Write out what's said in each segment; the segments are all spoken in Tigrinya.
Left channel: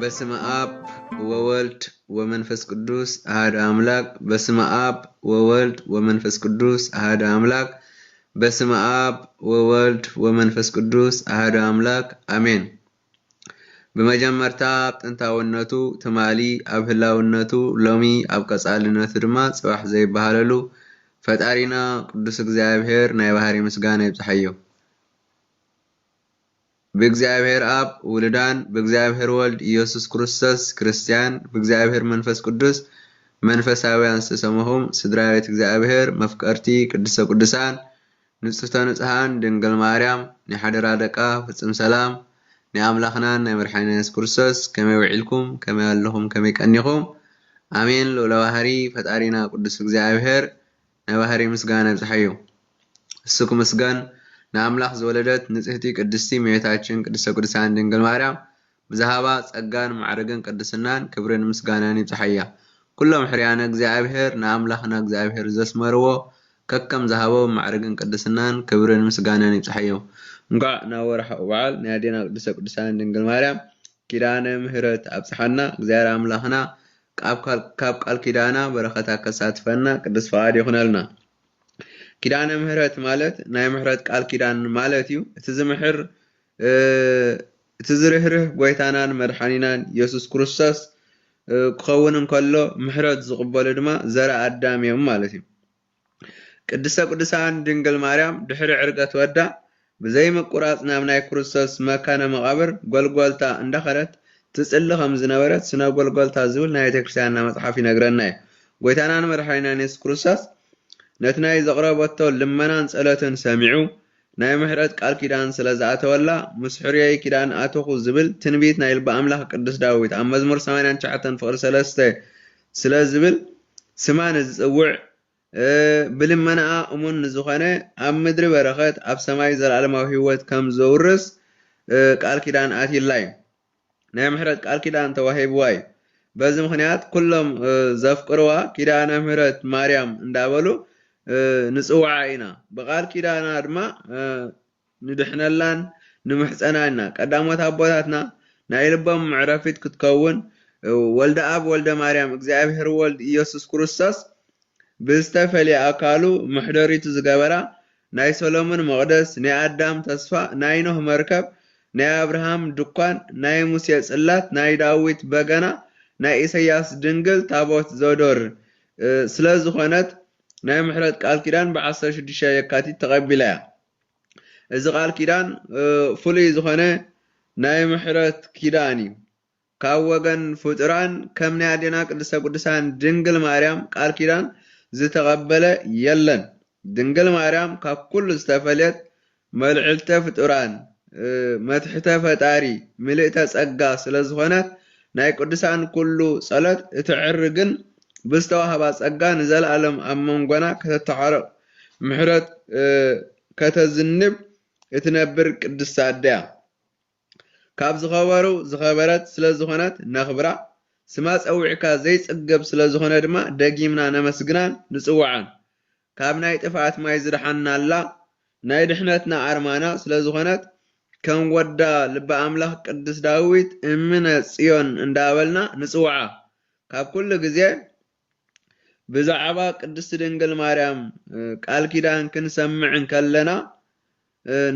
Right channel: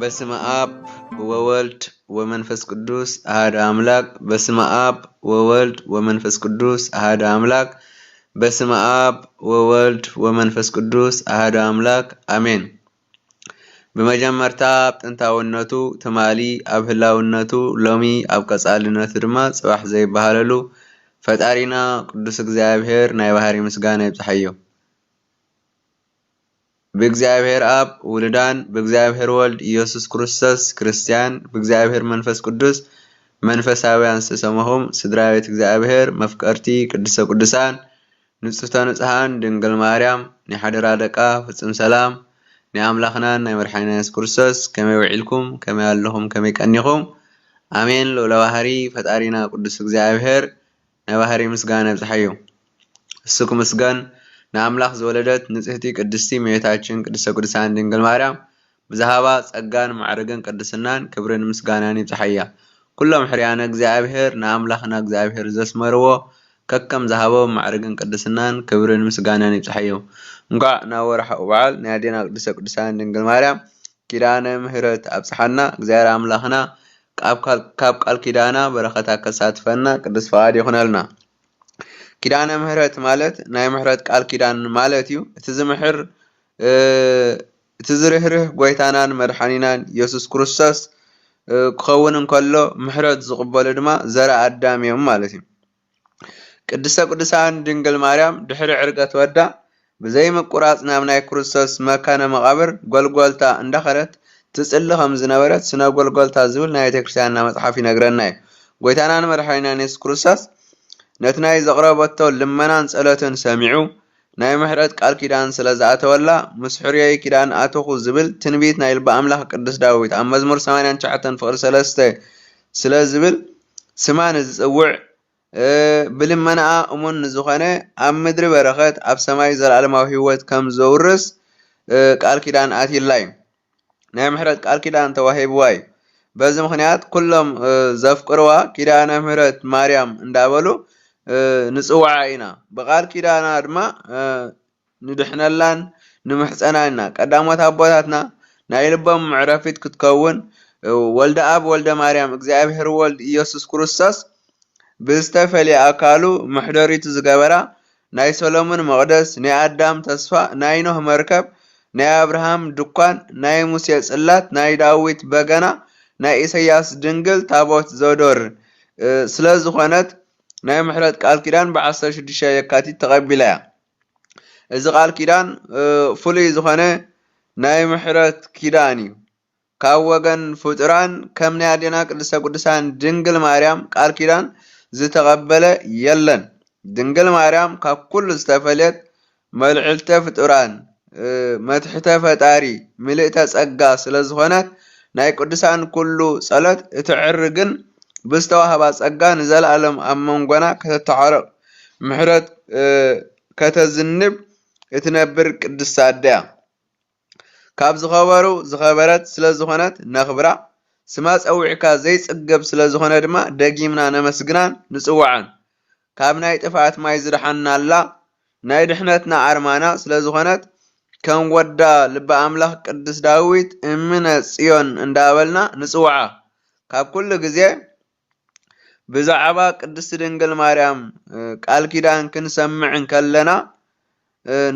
በስመ አብ ወወልድ ወመንፈስ ቅዱስ አሐዱ አምላክ። በስመ አብ ወወልድ ወመንፈስ ቅዱስ አሐዱ አምላክ። በስመ አብ ወወልድ ወመንፈስ ቅዱስ አሐዱ አምላክ አሜን። በመጀመርታ ጥንታውነቱ ትማሊ ኣብ ህላውነቱ ሎሚ ኣብ ቀጻልነቱ ድማ ጽባሕ ዘይበሃለሉ ፈጣሪና ቅዱስ እግዚአብሔር ናይ ባህሪ ምስጋና ይብጽሐዮ። በእግዚአብሔር አብ ውልዳን በእግዚአብሔር ወልድ ኢየሱስ ክርስቶስ ክርስቲያን በእግዚአብሔር መንፈስ ቅዱስ መንፈሳውያን ዝተሰማሁም ስድራ ቤት እግዚአብሔር መፍቀርቲ ቅዱሰ ቅዱሳን ንጽሕተ ንጽሐን ድንግል ማርያም ንሓደራ ደቃ ፍጹም ሰላም ንኣምላኽናን ናይ መድሓኒና ኢየሱስ ክርስቶስ ከመይ ውዒልኩም ከመይ ኣለኹም ከመይ ቀኒኹም አሜን። ልዑለ ባህሪ ፈጣሪና ቅዱስ እግዚአብሔር ናይ ባህሪ ምስጋና ይብጽሐዮ። እሱ ክምስገን ንኣምላኽ ዝወለደት ንጽሕቲ ቅድስቲ እመቤታችን ቅድስተ ቅዱሳን ድንግል ማርያም ብዛሃባ ጸጋን ማዕርግን ቅድስናን ክብርን ምስጋናን ይብጽሐያ። ኩሎም ሕርያነ እግዚአብሔር ንኣምላኽና እግዚአብሔር ዘስመርዎ ከከም ዝሃቦ ማዕርግን ቅድስናን ክብርን ምስጋናን ይብጽሐዮ። እንኳዕ ናብ ወርሒ በዓል ናይ ኣዴና ቅድስተ ቅዱሳን ድንግል ማርያም ኪዳነ ምሕረት ኣብጽሓና እግዚአብሔር ኣምላኽና ካብ ቃል ኪዳና በረኸታ ከሳትፈና ቅዱስ ፈቃድ ይኹነልና። ኪዳነ ምሕረት ማለት ናይ ምሕረት ቃል ኪዳን ማለት እዩ። እቲ ዝምሕር እቲ ዝርህርህ ጎይታናን መድሓኒናን ኢየሱስ ክርስቶስ ክኸውን እንከሎ ምሕረት ዝቕበሉ ድማ ዘርአ ኣዳም እዮም ማለት እዩ። ቅድስተ ቅዱሳን ድንግል ማርያም ድሕሪ ዕርገት ወዳ ብዘይ ምቁራጽ ናብ ናይ ክርስቶስ መካነ መቃብር ጎልጎልታ እንዳኸረት ትጽሊ ከም ዝነበረት ስነ ጎልጎልታ ዝብል ናይ ቤተክርስትያንና መጽሓፍ ይነግረና እዩ። ጎይታናን መድሓኒናን ኢየሱስ ክርስቶስ ነቲ ናይ ዘቕረበቶ ልመናን ጸሎትን ሰሚዑ ናይ ምሕረት ቃል ኪዳን ስለ ዝኣተወላ ምስ ሕርየይ ኪዳን ኣተኹ ዝብል ትንቢት ናይ ልቢ ኣምላኽ ቅዱስ ዳዊት ኣብ መዝሙር 89 ፍቕሪ 3 ስለ ዝብል ስማ ንዝጽውዕ ብልመናኣ እሙን ንዝኾነ ኣብ ምድሪ በረኸት ኣብ ሰማይ ዘለኣለማዊ ህይወት ከም ዘውርስ ቃል ኪዳን ኣትይላ እዩ። ናይ ምሕረት ቃል ኪዳን ተዋሂብዋ እዩ። በዚ ምኽንያት ኩሎም ዘፍቅርዋ ኪዳነ ምሕረት ማርያም እንዳበሉ ንጽዋዓ ኢና። ብቃል ኪዳና ድማ ንድሕነላን ንምሕፀናን ኢና። ቀዳሞት ኣቦታትና ናይ ልቦም ምዕረፊት ክትከውን ወልደ አብ ወልደ ማርያም እግዚአብሔር ወልድ ኢየሱስ ክርስቶስ ብዝተፈልየ ኣካሉ ምሕደሪቱ ዝገበራ ናይ ሰሎሞን መቕደስ፣ ናይ ኣዳም ተስፋ፣ ናይ ኖህ መርከብ፣ ናይ አብርሃም ድኳን፣ ናይ ሙሴ ጽላት፣ ናይ ዳዊት በገና፣ ናይ ኢሳያስ ድንግል ታቦት ዘዶር ስለ ዝኾነት ናይ ምሕረት ቃል ኪዳን ብ16 የካቲት ተቐቢላ እያ። እዚ ቃል ኪዳን ፍሉይ ዝኾነ ናይ ምሕረት ኪዳን እዩ። ካብ ወገን ፍጡራን ከም ናይ ኣዴና ቅድስተ ቅዱሳን ድንግል ማርያም ቃል ኪዳን ዝተቐበለ የለን። ድንግል ማርያም ካብ ኩሉ ዝተፈልየት መልዕልተ ፍጡራን መትሕተ ፈጣሪ ምልእተ ጸጋ ስለ ዝኾነት ናይ ቅዱሳን ኩሉ ጸሎት እትዕርግን ብዝተዋህባ ጸጋ ንዘለኣለም ኣብ መንጎና ከተተዓረቕ ምሕረት ከተዝንብ እትነብር ቅድስቲ ኣደያ ካብ ዝኸበሩ ዝኸበረት ስለ ዝኾነት ነኽብራ። ስማ ፀዊዕካ ዘይጽገብ ስለ ዝኾነ ድማ ደጊምና ነመስግናን ንጽዋዓን። ካብ ናይ ጥፍኣት ማይ ዝድሓና ኣላ ናይ ድሕነትና ኣርማና ስለ ዝኾነት ከም ወዳ ልበ ኣምላኽ ቅዱስ ዳዊት እምነ ጽዮን እንዳበልና ንጽዋዓ። ካብ ኩሉ ግዜ ብዛዕባ ቅድስቲ ድንግል ማርያም ቃል ኪዳን ክንሰምዕን ከለና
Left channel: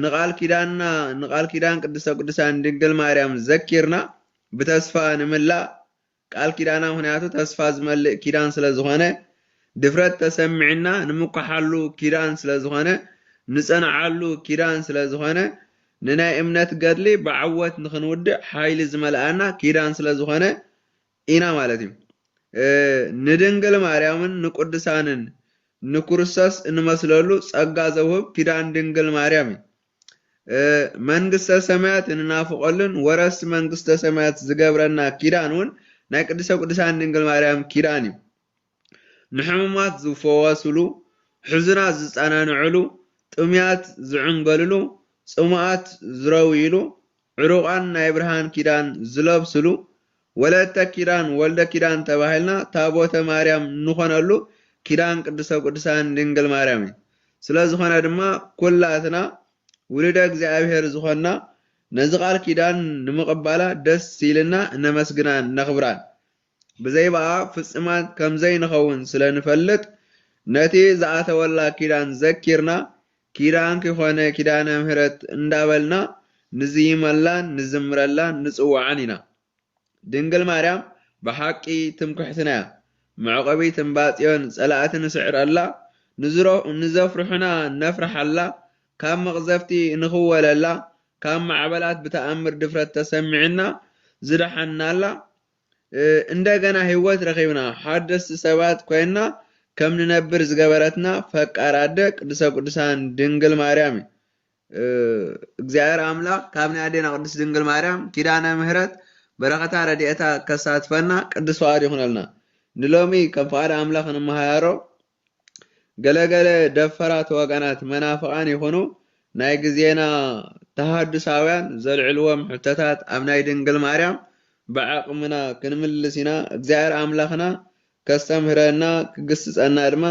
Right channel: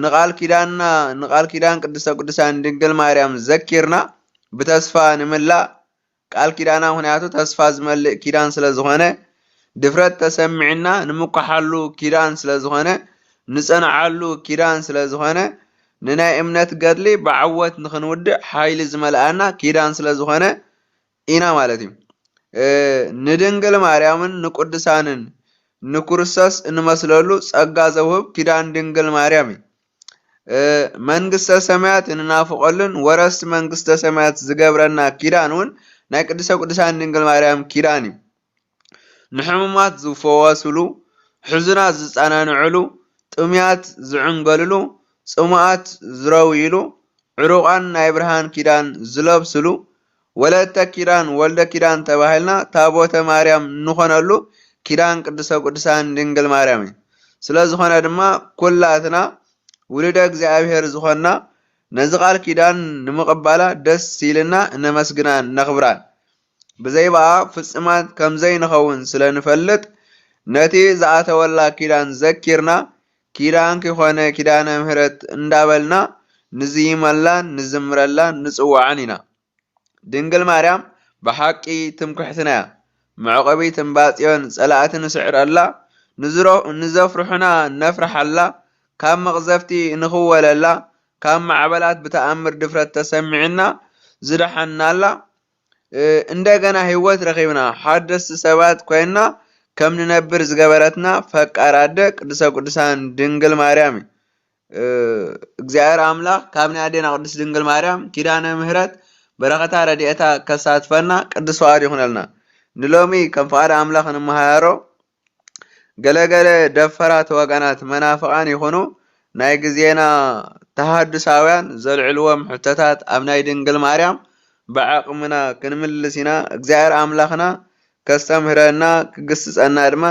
ንቃል ኪዳን ቅድስተ ቅዱሳን ድንግል ማርያም ዘኪርና ብተስፋ ንምላእ ቃል ኪዳና ምክንያቱ ተስፋ ዝመልእ ኪዳን ስለ ዝኾነ ድፍረት ተሰሚዕና ንምኳሓሉ ኪዳን ስለ ዝኾነ ንጸንዓሉ ኪዳን ስለ ዝኾነ ንናይ እምነት ገድሊ ብዓወት ንኽንውድእ ሓይሊ ዝመልኣና ኪዳን ስለ ዝኾነ ኢና ማለት እዩ። ንድንግል ማርያምን ንቅዱሳንን ንክርስቶስ እንመስለሉ ጸጋ ዘውህብ ኪዳን ድንግል ማርያም እዩ። መንግስተ ሰማያት እንናፍቀሉን ወረስቲ መንግስተ ሰማያት ዝገብረና ኪዳን እውን ናይ ቅድስተ ቅዱሳን ድንግል ማርያም ኪዳን እዩ። ንሕሙማት ዝፈወስሉ፣ ሕዙናት ዝጸናንዕሉ፣ ጥምያት ዝዕንገልሉ፣ ጽሙዓት ዝረውይሉ፣ ዕሩቃን ናይ ብርሃን ኪዳን ዝለብስሉ፣ ወለተ ኪዳን ወልደ ኪዳን ተባሂልና ታቦተ ማርያም ንኾነሉ ኪዳን ቅድስተ ቅዱሳን ድንግል ማርያም እዩ። ስለ ዝኾነ ድማ ኩላትና ውልደ እግዚአብሔር ዝኾና ነዚ ቃል ኪዳን ንምቕባላ ደስ ሲልና እነመስግናን ነኽብራን ብዘይበኣ ፍጽማት ከምዘይንኸውን ስለ ንፈልጥ ነቲ ዝኣተወላ ኪዳን ዘኪርና ኪዳን ክኾነ ኪዳነ ምህረት እንዳበልና ንዝይመላን ንዝምረላን ንጽዋዓን ኢና። ድንግል ማርያም ብሓቂ ትምክሕትና እያ። መዕቆቢት እምባጽዮን ጸላእቲ ንስዕረላ ንዘፍርሑና ነፍርሓላ ካብ መቕዘፍቲ ንኽወለላ ካብ ማዕበላት ብተኣምር ድፍረት ተሰሚዕና ዝደሓናላ እንደገና ህይወት ረኺብና ሓደስቲ ሰባት ኮይና ከም ንነብር ዝገበረትና ፈቃራደ ቅድስተ ቅዱሳን ድንግል ማርያም እግዚአብሔር አምላክ ካብ ናይ ኣዴና ቅድስት ድንግል ማርያም ኪዳነ ምህረት በረኸታ ረድኤታ ከሳትፈና ቅዱስ ዋህድ ይኹነልና። ንሎሚ ከም ፍቃድ አምላክ እንመሃሮ ገለገለ ደፈራት ወገናት መናፍቃን ይኹኑ ናይ ግዜና ተሃድሳውያን ዘልዕልዎም ሕቶታት ኣብ ናይ ድንግል ማርያም ብዓቅምና ክንምልስ ኢና። እግዚአብሔር አምላክና ከስተምህረና ክግስጸና ድማ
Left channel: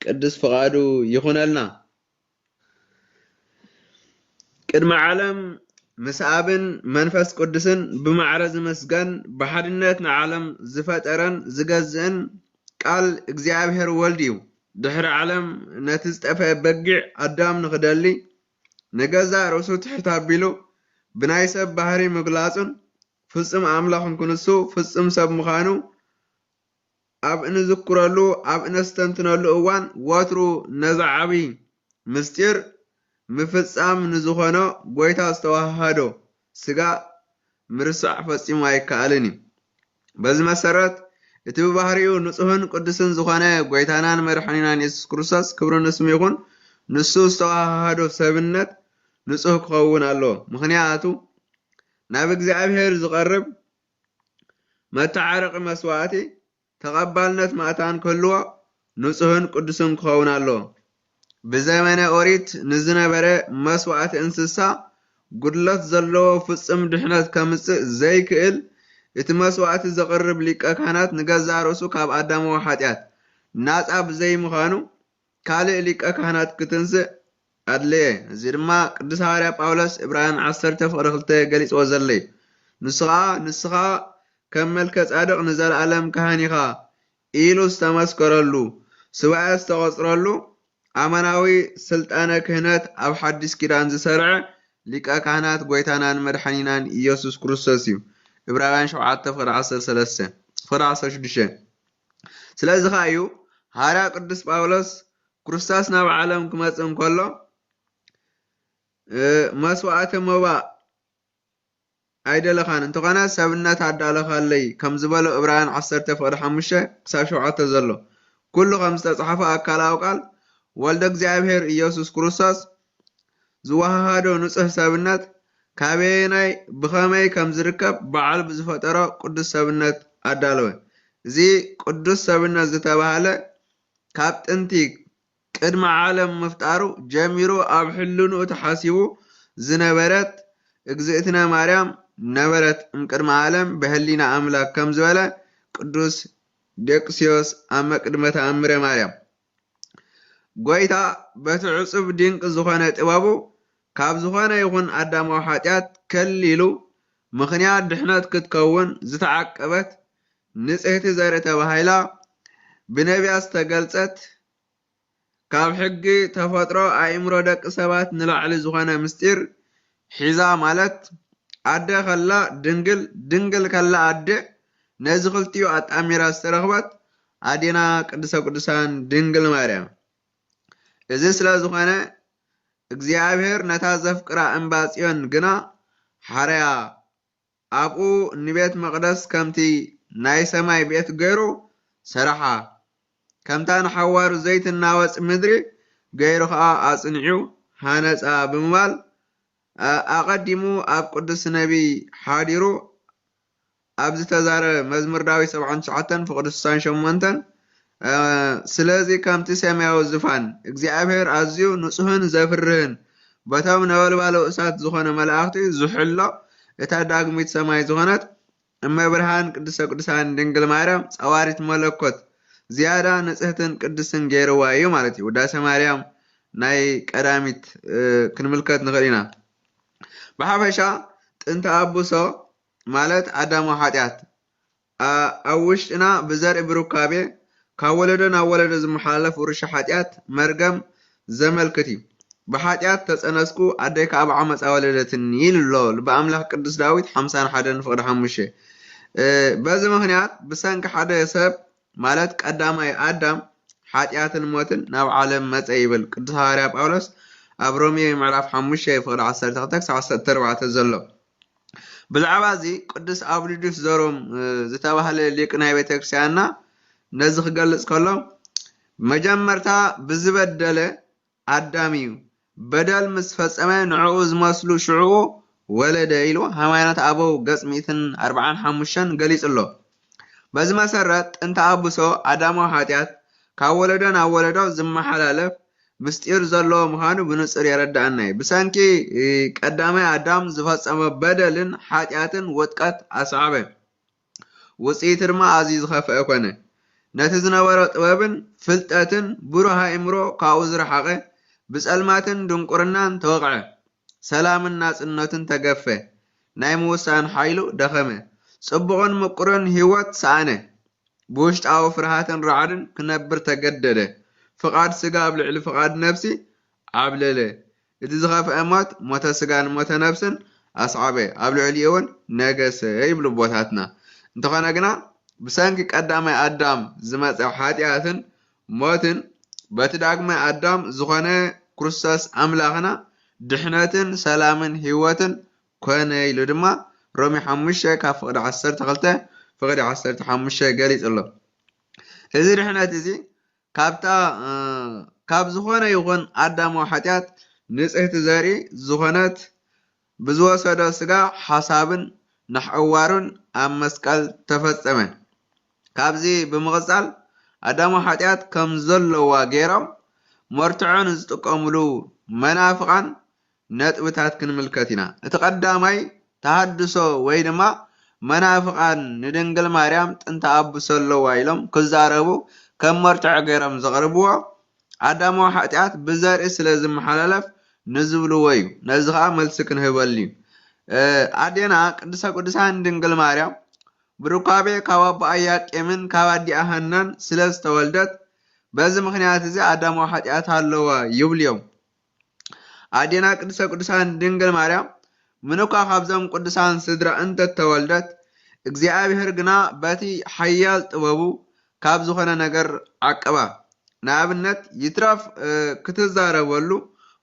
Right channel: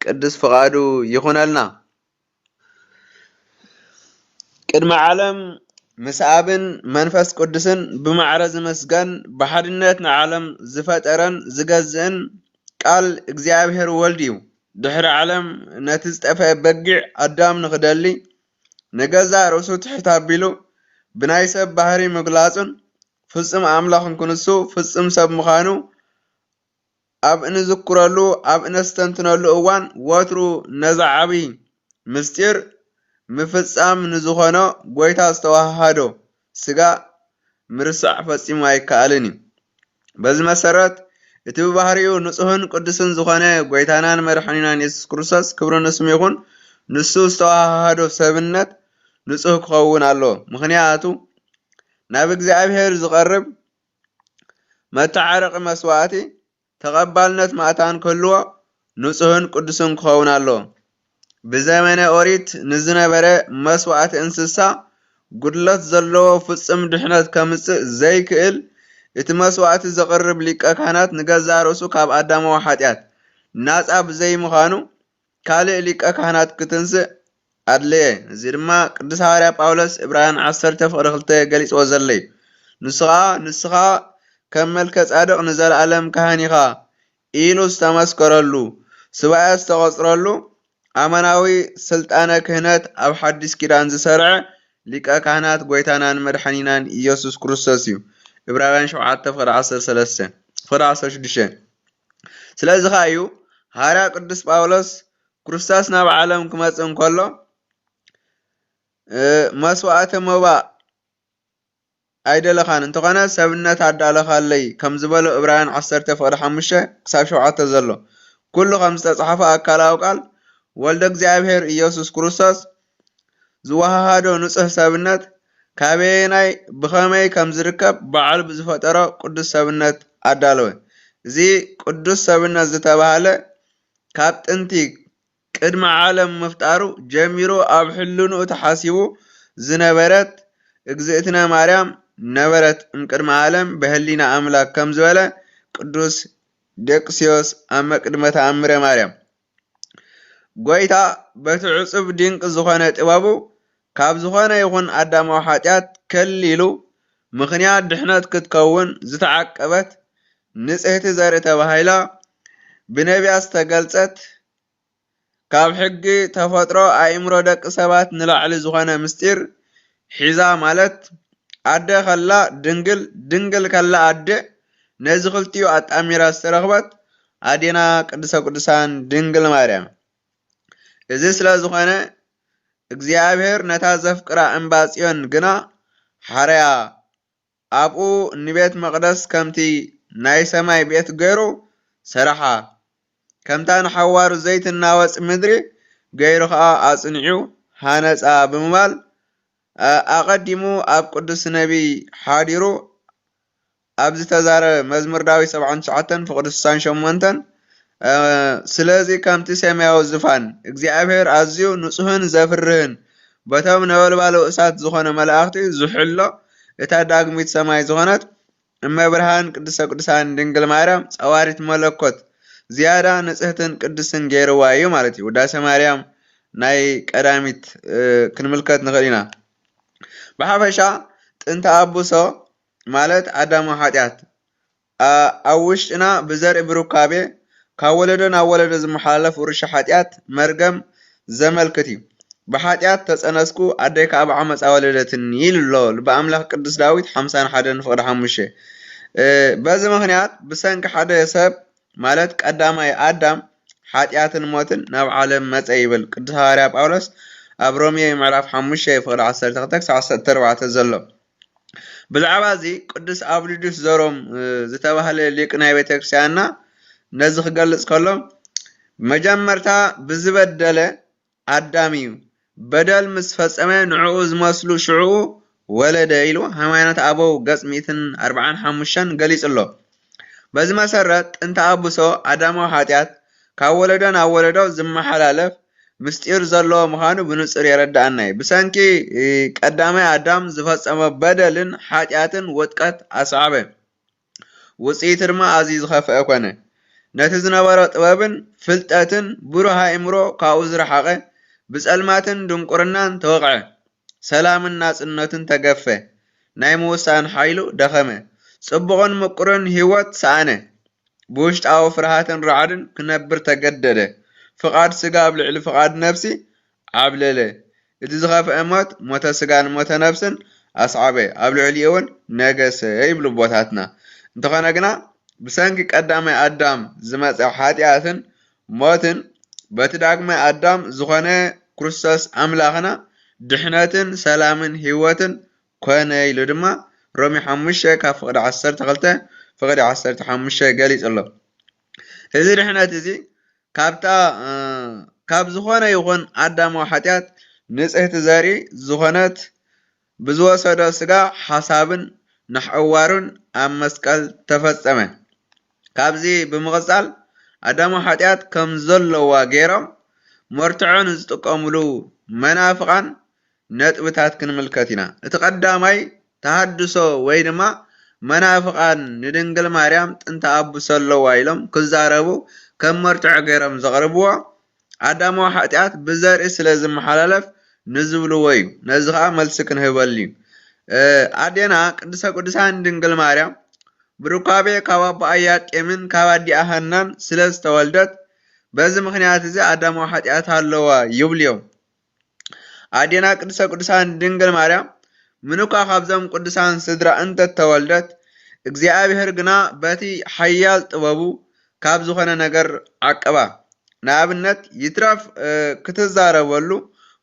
ቅዱስ ፍቃዱ ይኹነልና። ቅድመ ዓለም ምስ ኣብን መንፈስ ቅዱስን ብማዕረ ዝመስገን ብሓድነት ንዓለም ዝፈጠረን ዝገዝእን ቃል እግዚአብሔር ወልድ እዩ። ድሕሪ ዓለም ነቲ ዝጠፍአ በጊዕ ኣዳም ንኽደሊ ንገዛ ርእሱ ትሕት ኣቢሉ ብናይ ሰብ ባህሪ ምግላጹን ፍጹም ኣምላኽ ክንኩንሱ ፍጹም ሰብ ምዃኑ ኣብ እንዝክረሉ ኣብ እነስተንትነሉ እዋን ወትሩ ነዛ ዓብይ ምስጢር ምፍጻም ንዝኾነ ጎይታ ዝተዋሃዶ ስጋ ምርሳዕ ፈጺሙ ኣይከኣልን እዩ። በዚ መሰረት እቲ ብባህሪኡ ንጹህን ቅዱስን ዝኾነ ጎይታናን መድሓኒናን ኢየሱስ ክርስቶስ ክብሪ ንስሙ ይኹን። ንሱ ዝተዋሃዶ ሰብነት ንጹህ ክኸውን ኣሎ። ምክንያቱ ናብ እግዚአብሔር ዝቐርብ መተዓረቂ መስዋዕቲ ተቐባልነት ማእታን ክህልዎ ንጹህን ቅዱስን ክኸውን ኣሎ። ብዘመነ ኦሪት ንዝነበረ መስዋዕቲ እንስሳ ጉድለት ዘለዎ ፍጹም ድሕነት ከምጽእ ዘይክእል እቲ መስዋዕቲ ዘቕርብ ሊቀ ካህናት ንገዛ ርእሱ ካብ ኣዳማዊ ሓጢአት ናጻ ብዘይምዃኑ ካልእ ሊቀ ካህናት ክትንስእ ኣድልየ። እዚ ድማ ቅዱስ ሐዋርያ ጳውሎስ ዕብራውያን 10:2 ገሊጽዎ ዘሎ እዩ። ንስኻ ከም መልከ ጻድቕ ንዘለኣለም ካህን ኢኻ ኢሉ ዝተመስከረሉ ሱባኤ ዝተቖጽረሉ ኣመናዊ ስልጣነ ክህነት ኣብ ሓድሽ ኪዳን ዝሰርዐ ሊቀ ካህናት ጎይታናን መድሓኒናን ኢየሱስ ክርስቶስ እዩ። ዕብራውያን 7:16 ስለዚ ኸ እዩ ሐዋርያ ቅዱስ ጳውሎስ ክርስቶስ ናብ ዓለም ክመጽእ እንከሎ መስዋዕተ መባእ ኣይደለኻን እንተኾነ ሰብነት ኣዳለኻለይ ከም ዝበሎ ዕብራውያን 10:5-7 ዘሎ ኩሉ ከም ዝተጻሕፈ ኣካላዊ ቃል ወልደ እግዚአብሔር ኢየሱስ ክርስቶስ ዝወሃሃዶ ንጹህ ሰብነት ካበየናይ ብኸመይ ከም ዝርከብ በዓል ብዝፈጠሮ ቅዱስ ሰብነት ኣዳለወ። እዚ ቅዱስ ሰብነት ዝተባሃለ ካብ ጥንቲ ቅድመ ዓለም ምፍጣሩ ጀሚሩ ኣብ ሕልንኡ ተሓሲቡ ዝነበረት እግዝእትነ ማርያም ነበረት እምቅድመ ዓለም በህሊና ኣምላክ ከም ዝበለ ቅዱስ ዴቅስዮስ ኣብ መቅድመ ተኣምረ ማርያም ጎይታ በቲ ዕጹብ ድንቂ ዝኾነ ጥበቡ ካብ ዝኾነ ይኹን ኣዳማዊ ሓጢአት ከሊሉ ምኽንያት ድሕነት ክትከውን ዝተዓቀበት ንጽሕቲ ዘርኢ ተባሂላ ብነቢያት ዝተገልጸት ካብ ሕጊ ተፈጥሮ ኣእምሮ ደቂ ሰባት ንላዕሊ ዝኾነ ምስጢር ሒዛ ማለት ኣደ ከላ ድንግል ድንግል ከላ ኣደ ነዚ ክልቲኡ ኣጣሚራ ዝተረኽበት ኣዴና ቅድስተ ቅዱሳን ድንግል ማርያም እዚ ስለ ዝኾነ እግዚአብሔር ነታ ዘፍቅራ እምባ ጽዮን ግና ሓረያ ኣብኡ ንቤት መቅደስ ከምቲ ናይ ሰማይ ቤት ገይሩ ሰራሓ ከምታ ንሓዋሩ ዘይትናወፅ ምድሪ ገይሩ ከዓ ኣጽኒዑ ሃነፃ ብምባል ኣቐዲሙ ኣብ ቅዱስ ነቢ ሓዲሩ ኣብ ዝተዛረበ መዝሙር ዳዊት 79 ፍቅዲ 68 ስለዚ ከምቲ ሰማያዊ ዝፋን እግዚአብሔር ኣዝዩ ንጹህን ዘፍርህን በቶም ነበልባሉ እሳት ዝኾነ መላእኽቲ ዝሕሎ እታ ዳግሚት ሰማይ ዝኾነት እመብርሃን ቅድስተ ቅዱሳን ድንግል ማርያም ጸዋሪት መለኮት ዝያዳ ንጽህትን ቅድስን ገይርዋ እዩ ማለት እዩ። ውዳሴ ማርያም ናይ ቀዳሚት ክንምልከት ንኽእል ኢና። ብሓፈሻ ጥንተ ኣቡሶ ማለት ኣዳማዊ ኃጢአት ኣብ ውሽጥና ብዘርኢ ብሩካቤ ካብ ወለዶ ናብ ወለዶ ዝመሓላለፍ ውርሻ ኃጢአት መርገም ዘመልክት እዩ። ብኃጢአት ተጸነስኩ ኣደይ ካብ ዓመፃ ወለደትን ይልሎ ልበ ኣምላኽ ቅዱስ ዳዊት 51 ፍቅዲ 5 በዚ ምክንያት ብሰንኪ ሓደ ሰብ ማለት ቀዳማይ ኣዳም ኃጢአትን ሞትን ናብ ዓለም መፀ ይብል ቅዱስ ሐዋርያ ጳውሎስ ኣብ ሮሜ ምዕራፍ 5 ፍቅዲ 12-14 ዘሎ። ብዛዕባ እዚ ቅዱስ ኣብሊዱስ ዘሮም ዝተባህለ ሊቅ ናይ ቤተክርስቲያንና ነዚ ክገልጽ ከሎ መጀመርታ ብዝበደለ ኣዳም እዩ በደል ምስ ፈጸመ ንዕኡ ዝመስሉ ሽዑኡ ወለደ ኢሉ ሃይማኖት ኣበው ገጽ 145 ገሊጽ ኣሎ። በዚ መሰረት ጥንተ ኣቡሶ ኣዳማዊ ኃጢአት ካብ ወለዶ ናብ ወለዶ ዝመሓላለፍ ምስጢር ዘለዎ ምዃኑ ብንጹር የረዳእና እዩ። ብሰንኪ ቀዳማይ ኣዳም ዝፈጸመ በደልን ኃጢአትን ውጥቀት ኣስዓበ ውጽኢት ድማ ኣዝዩ ዝኸፍአ ኮነ። ነቲ ዝነበረ ጥበብን ፍልጠትን ብሩህ ኣእምሮ ካብኡ ዝረሓቐ ብጸልማትን ድንቁርናን ተወቕዐ ሰላምን ናጽነትን ተገፈ ናይ ምውሳን ሓይሉ ደኸመ ጽቡቕን ምቁርን ህይወት ሰኣነ ብውሽጣዊ ፍርሃትን ረዓድን ክነብር ተገደደ ፍቓድ ስጋ ኣብ ልዕሊ ፍቓድ ነፍሲ ዓብለለ እቲ ዝኸፍአ ሞት ሞተ ስጋን ሞተ ነፍስን ኣስዓበ ኣብ ልዕሊኡ እውን ነገሰ ይብሉ ቦታትና። እንተኾነ ግና ብሰንኪ ቀዳማይ ኣዳም ዝመፀ ኃጢአትን ሞትን በቲ ዳግማይ ኣዳም ዝኾነ ክርስቶስ ኣምላኽና ድሕነትን ሰላምን ህይወትን ኮነ ኢሉ ድማ ሮሜ 5 ካብ ፍቅዲ 12 ፍቅዲ 15 ገሊጽ ኣሎ። እዚ ድሕነት እዚ ካብ ዝኾነ ይኹን ኣዳማዊ ኃጢአት ንጽህቲ ዘርኢ ዝኾነት ብዝወሰዶ ስጋ ሓሳብን ናሕዋሩን ኣብ መስቀል ተፈጸመ። ካብዚ ብምቕጻል ኣዳማዊ ኃጢአት ከም ዘለዋ ገይሮም መርትዖን ዝጥቀሙሉ መናፍቃን ነጥብታት ክንምልከት ኢና። እቲ ቀዳማይ ተሃድሶ ወይ ድማ መናፍቃን ንድንግል ማርያም ጥንተ ኣቡሶ ኣለዋ ኢሎም ክዛረቡ ከም መርትዖ ገይሮም ዘቕርብዎ ኣዳማዊ ኃጢአት ብዘርኢ ስለ ዝመሓላለፍ ንዝብልዎ እዩ። ነዚ ከዓ መልሲ ክንህበሉ እዩ። ኣዴና ቅድስተ ቅዱሳን ድንግል ማርያም ብሩካቤ ካብ ኣቦ ኢያቄምን ካብ ኣዲኣ ሐናን ስለ ዝተወልደት በዚ ምክንያት እዚ ኣዳማዊ ኃጢአት ኣለዋ ይብሉ እዮም። ኣዴና ቅድስተ ቅዱሳን ድንግል ማርያም ምኑኳ ካብዞም ቅዱሳን ስድራ እንተተወልደት እግዚአብሔር ግና በቲ ሓያል ጥበቡ ካብ ዝኾነ ነገር ዓቀባ። ንኣብነት ይትረፍ ክትዛረበሉ